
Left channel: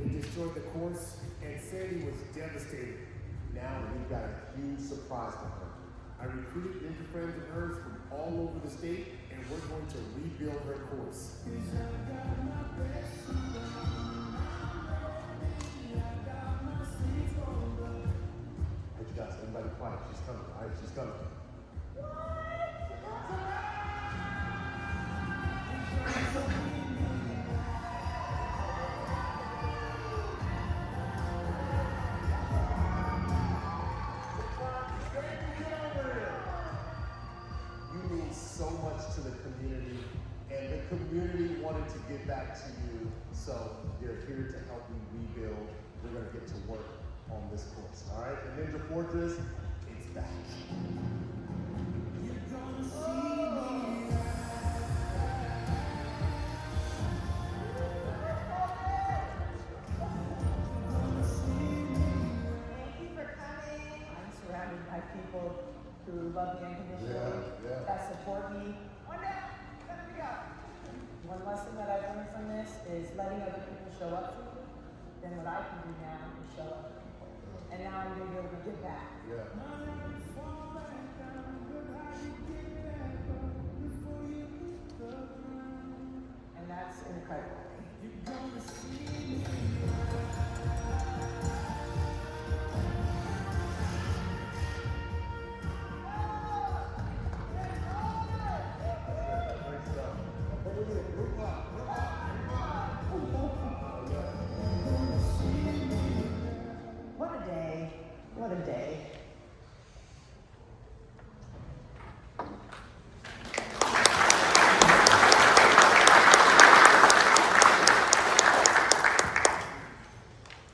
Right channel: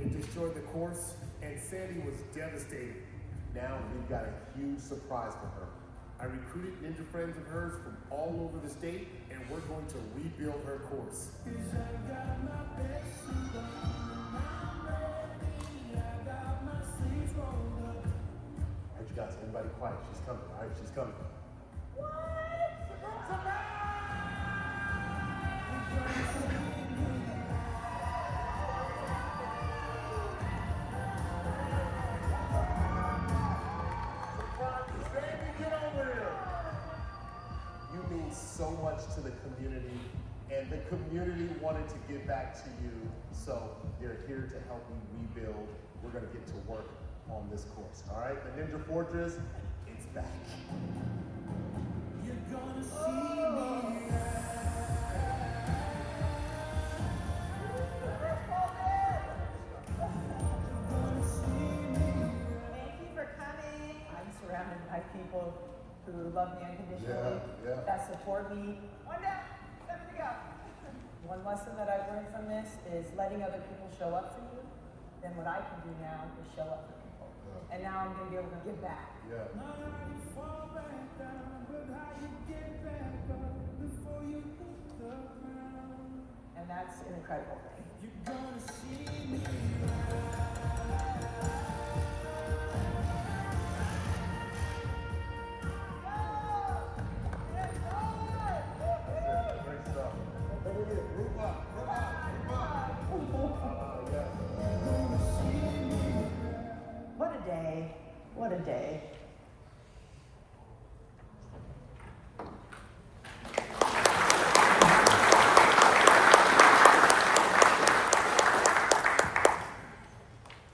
It destroyed the course, and Sandy was devastated. Now we've got a huge surprise for her. I recruited ninja friends of hers from all over the state, and we're going to rebuild her course. What you guys, everybody quiet. She's coming, all right? She's coming. You mean so much to the community, and the community wanted to give back to you, so they're here to help you rebuild. We're going to get to work on this course, all right? The Ninja Fortress, it's back. You're gonna see me. Thank you for coming. I'm surrounded by people who love me unconditionally, that support me. One lesson that I learned from this is letting other people show up for you. Then what I can do now is show up for people. And now I'm going to be able to give back. And that's an incredible thing. What a day. What a day.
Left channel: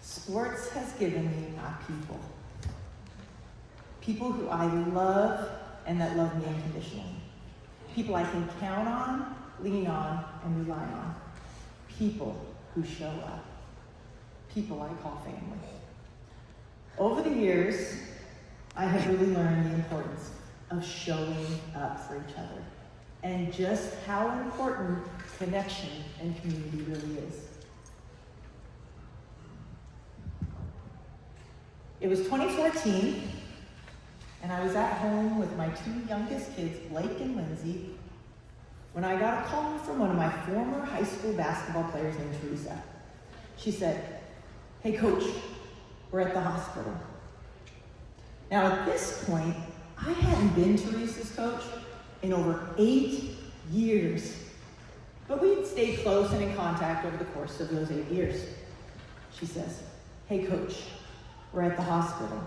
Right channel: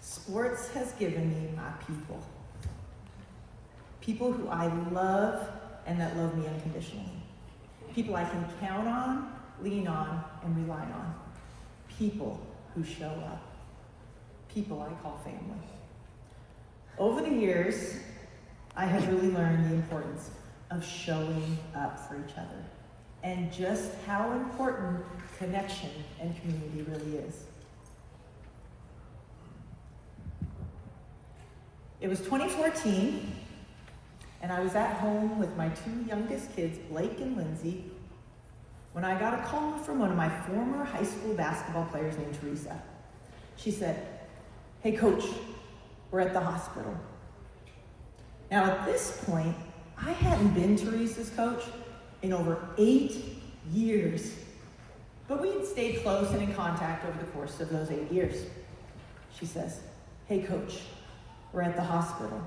Sports has given me my people. People who I love and that love me unconditionally. People I can count on, lean on, and rely on. People who show up. People I call family. Over the years, I have really learned the importance of showing up for each other and just how important connection and community really is. It was 2014, and I was at home with my two youngest kids, Blake and Lindsay, when I got a call from one of my former high school basketball players named Teresa. She said, "Hey coach, we're at the hospital." Now at this point, I hadn't been Teresa's coach in over 8 years, but we had stayed close and in contact over the course of those 8 years. She says, "Hey coach, we're at the hospital,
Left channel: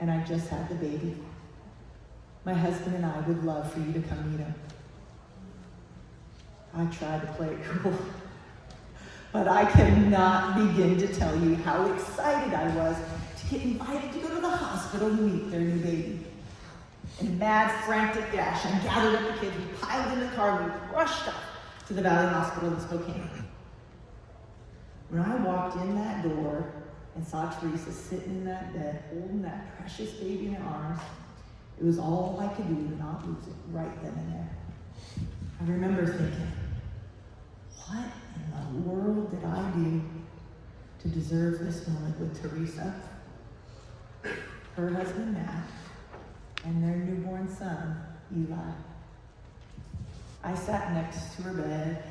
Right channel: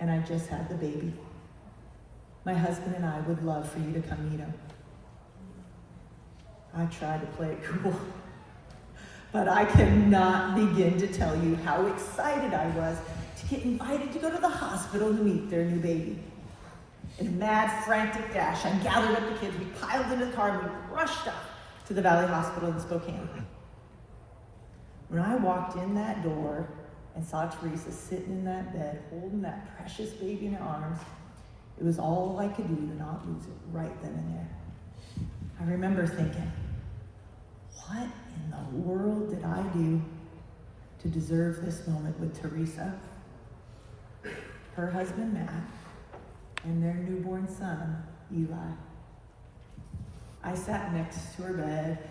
and I just had the baby. My husband and I would love for you to come meet him." I tried to play it cool, but I cannot begin to tell you how excited I was to get invited to go to the hospital to meet their new baby. In a mad, frantic dash, I gathered up the kids, we piled in the car, we rushed off to the Valley Hospital in Spokane. When I walked in that door and saw Teresa sitting in that bed, holding that precious baby in her arms, it was all I could do to not lose it right then and there. I remember thinking, what in the world did I do to deserve this moment with Teresa, her husband Matt, and their newborn son, Eli? I sat next to her bed,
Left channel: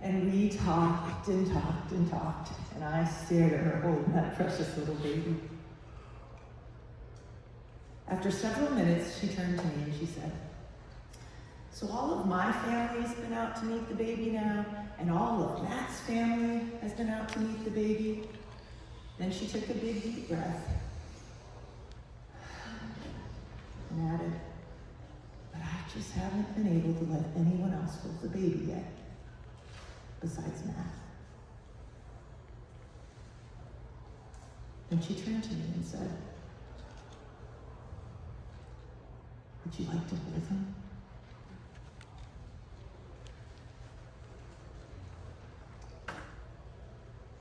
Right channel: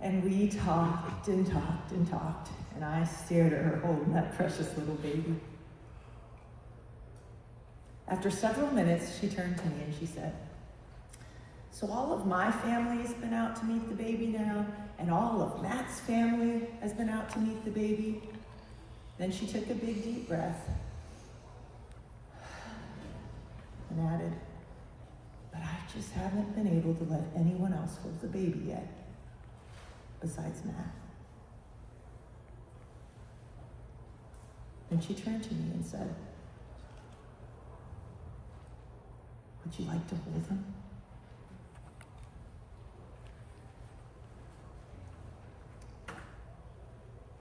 and we talked and talked and talked, and I stared at her holding that precious little baby. After several minutes, she turned to me and she said, so all of my family has been out to meet the baby now, and all of Matt's family has been out to meet the baby. Then she took a big, deep breath and added, but I just haven't been able to let anyone else hold the baby yet, besides Matt. And she turned to me and said, would you like to hold him?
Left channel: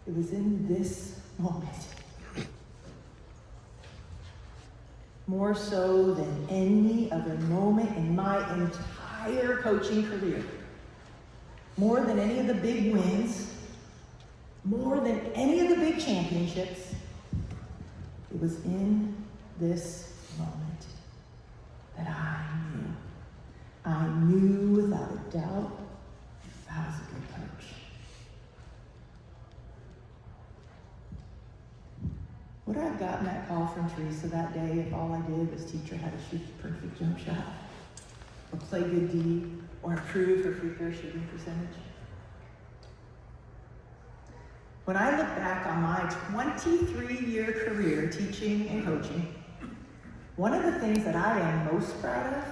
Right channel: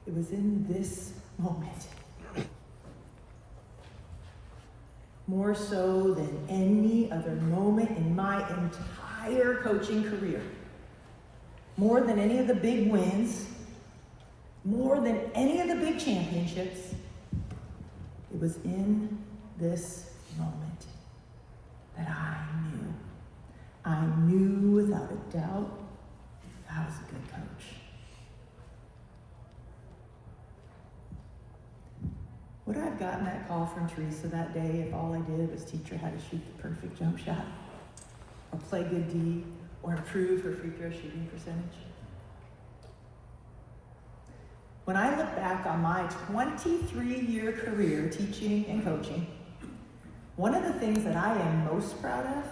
It was in this moment, more so than any other moment in my entire coaching career, more than any of the big wins, more than any of the big championships, it was in this moment that I knew without a doubt I was a good coach. Would I have gotten that call from Teresa that day if all I did was teach her how to shoot the perfect jump shot, or play good D, or improve her free throw shooting percentage? When I look back on my 23-year career teaching and coaching, one of the things that I am most proud of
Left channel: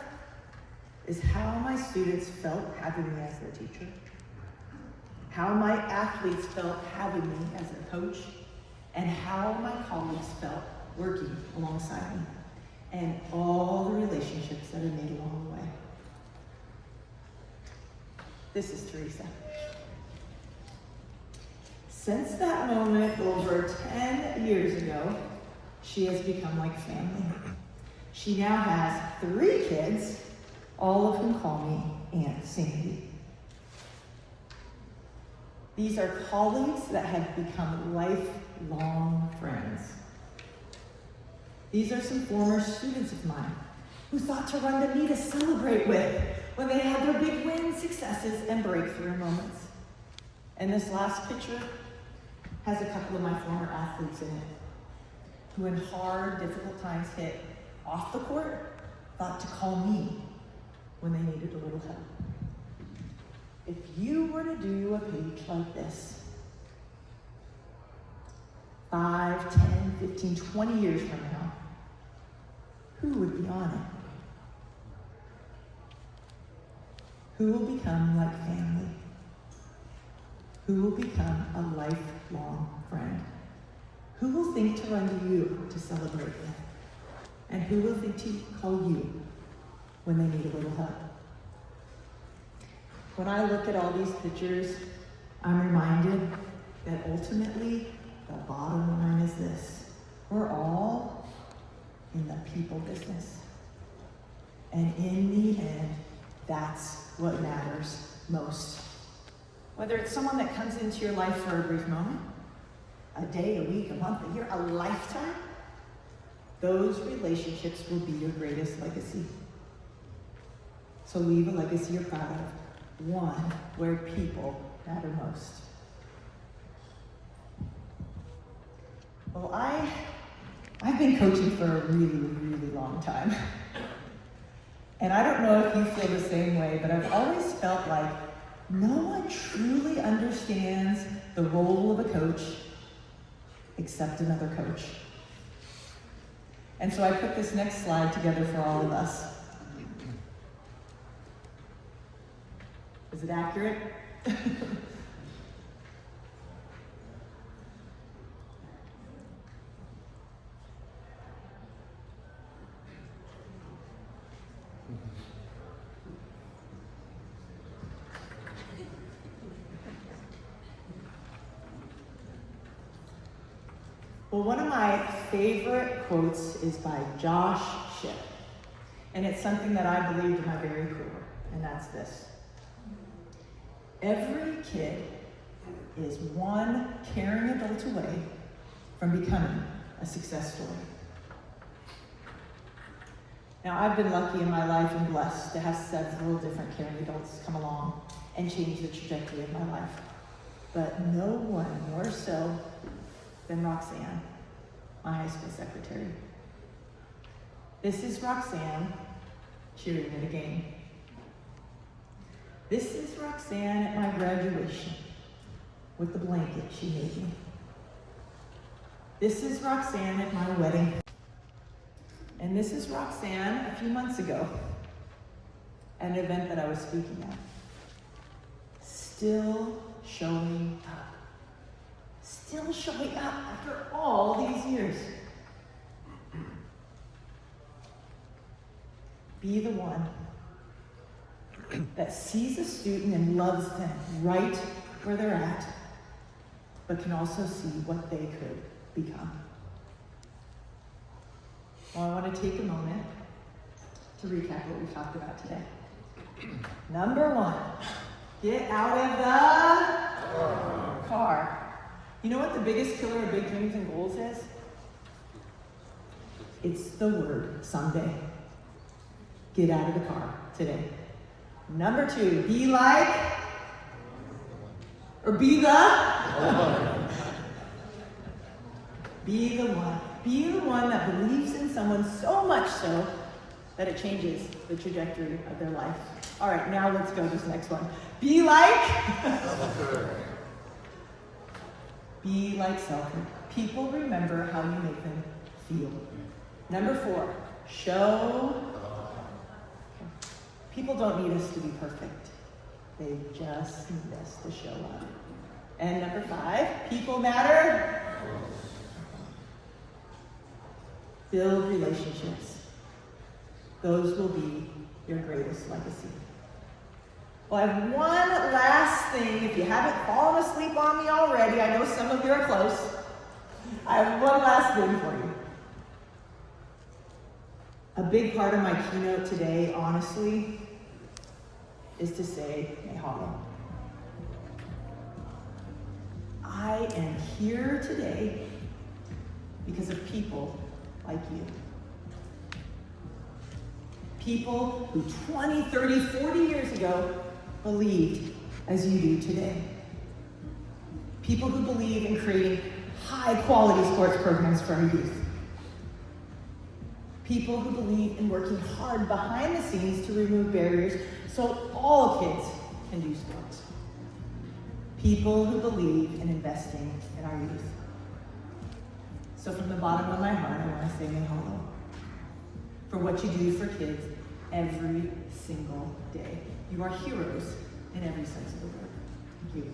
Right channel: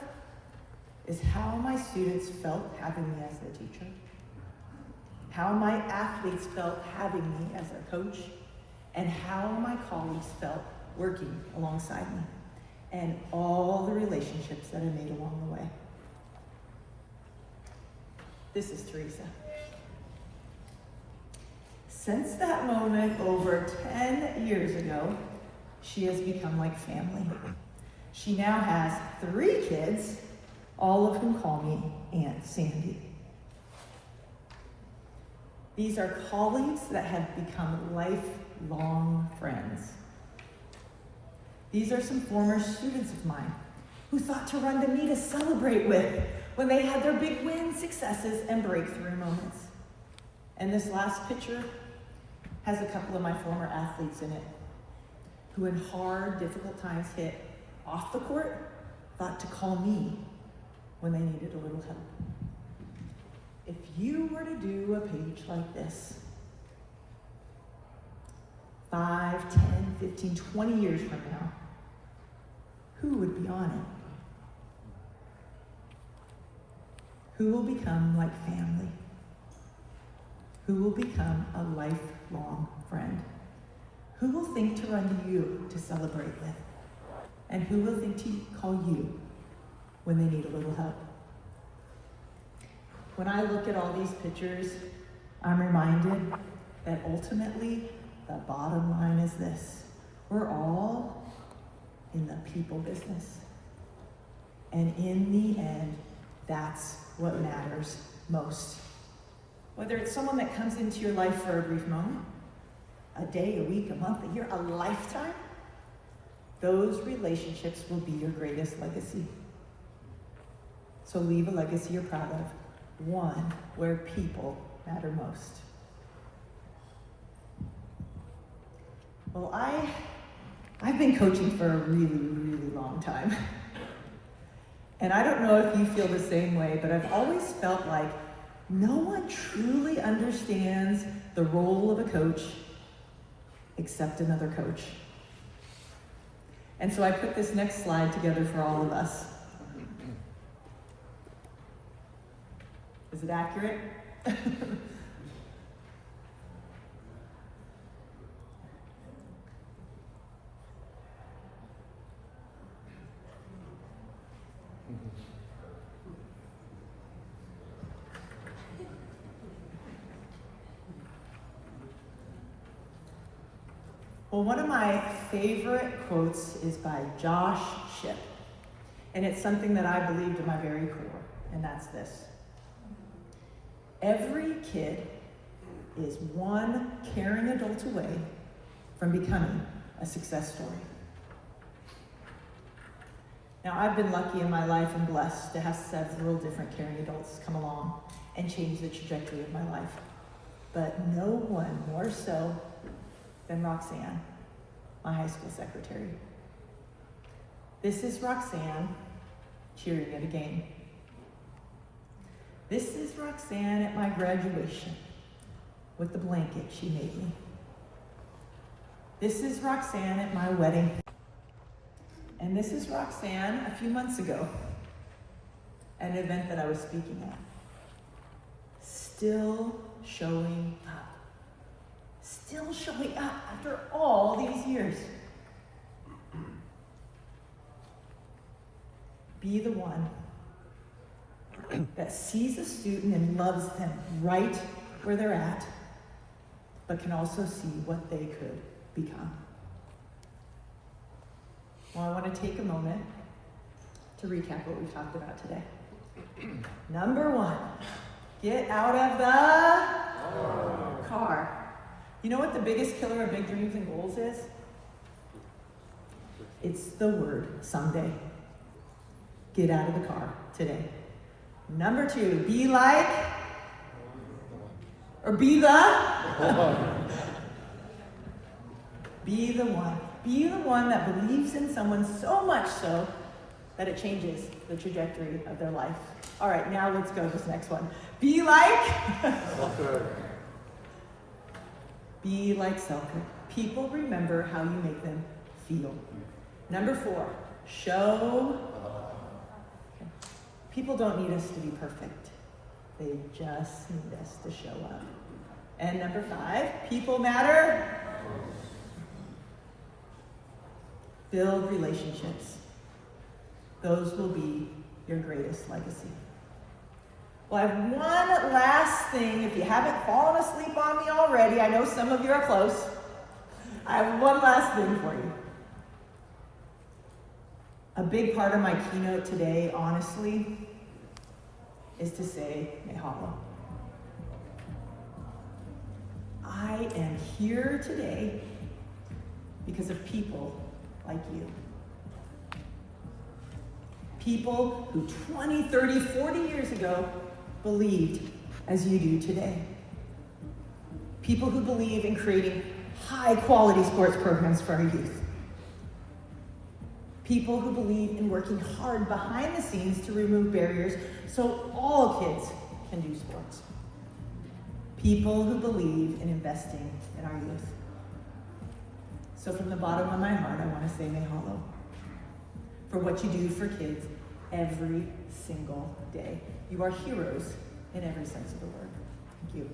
is how my students felt having me as their teacher, how my athletes felt having me as their coach, and how my colleagues felt working alongside me, and all the relationships that I made along the way. This is Teresa. Since that moment over 10 years ago, she has become like family. She now has 3 kids, all of whom call me Aunt Sandy. These are colleagues that have become lifelong friends. These are some former students of mine who thought to run to me to celebrate with when they had their big wins, successes, and breakthrough moments. And this last picture has a couple of my former athletes in it who, in hard, difficult times hit off the court, thought to call me when they needed a little help. If you were to do a page like this, 5, 10, 15, 20 years from now, who would be on it? Who will become like family? Who will become a lifelong friend? Who will think to run to you to celebrate with? And who will think to call you when they need a little help? When I look at all these pictures, I'm reminded that ultimately the bottom line is this: we're all in the people business. And in the end, that's what matters most. Whether it's someone that comes into your life for a brief moment, a day, a week, a month, a year, a lifetime, those relationships will be your greatest legacy. So leave a legacy you're proud of, one where people matter most. Well, I've been coaching for a really, really long time. And I don't know if you feel the same way, but I've always felt like no one truly understands the role of a coach except another coach. And so I put this next slide together for all of us. Is it accurate? Well, one of my favorite quotes is by Josh Shipp, and it's something that I believe to my very core, and that's this. Every kid is one caring adult away from becoming a success story. Now, I've been lucky in my life and blessed to have several different caring adults come along and change the trajectory of my life. But no one more so than Roxanne, my high school secretary. This is Roxanne cheering at a game. This is Roxanne at my graduation with the blanket she made me. This is Roxanne at my wedding. And this is Roxanne a few months ago at an event that I was speaking at. Still showing up. Still showing up after all these years. Be the one that sees a student and loves them right where they're at, but can also see what they could become. Well, I want to take a moment to recap what we've talked about today. Number one, get out of the car. You know what the biggest killer of big dreams and goals is? It's the word someday. Get out of the car today. Number two, be like, or be the, be the one. Be the one that believes in someone so much so that it changes the trajectory of their life. All right, now let's go to this next one. Be like, be like Selker. People remember how you make them feel. Number four, show. People don't need us to be perfect. They just need us to show up. And number five, people matter. Build relationships. Those will be your greatest legacy. Well, I have one last thing. If you haven't fallen asleep on me already, I know some of you are close. I have one last thing for you. A big part of my keynote today, honestly, is to say, mahalo. I am here today because of people like you. People who 20, 30, 40 years ago believed as you do today. People who believe in creating high-quality sports programs for our youth. People who believe in working hard behind the scenes to remove barriers so all kids can do sports. People who believe in investing in our youth. So from the bottom of my heart, I want to say mahalo for what you do for kids every single day. You are heroes in every sense of the word. Thank you.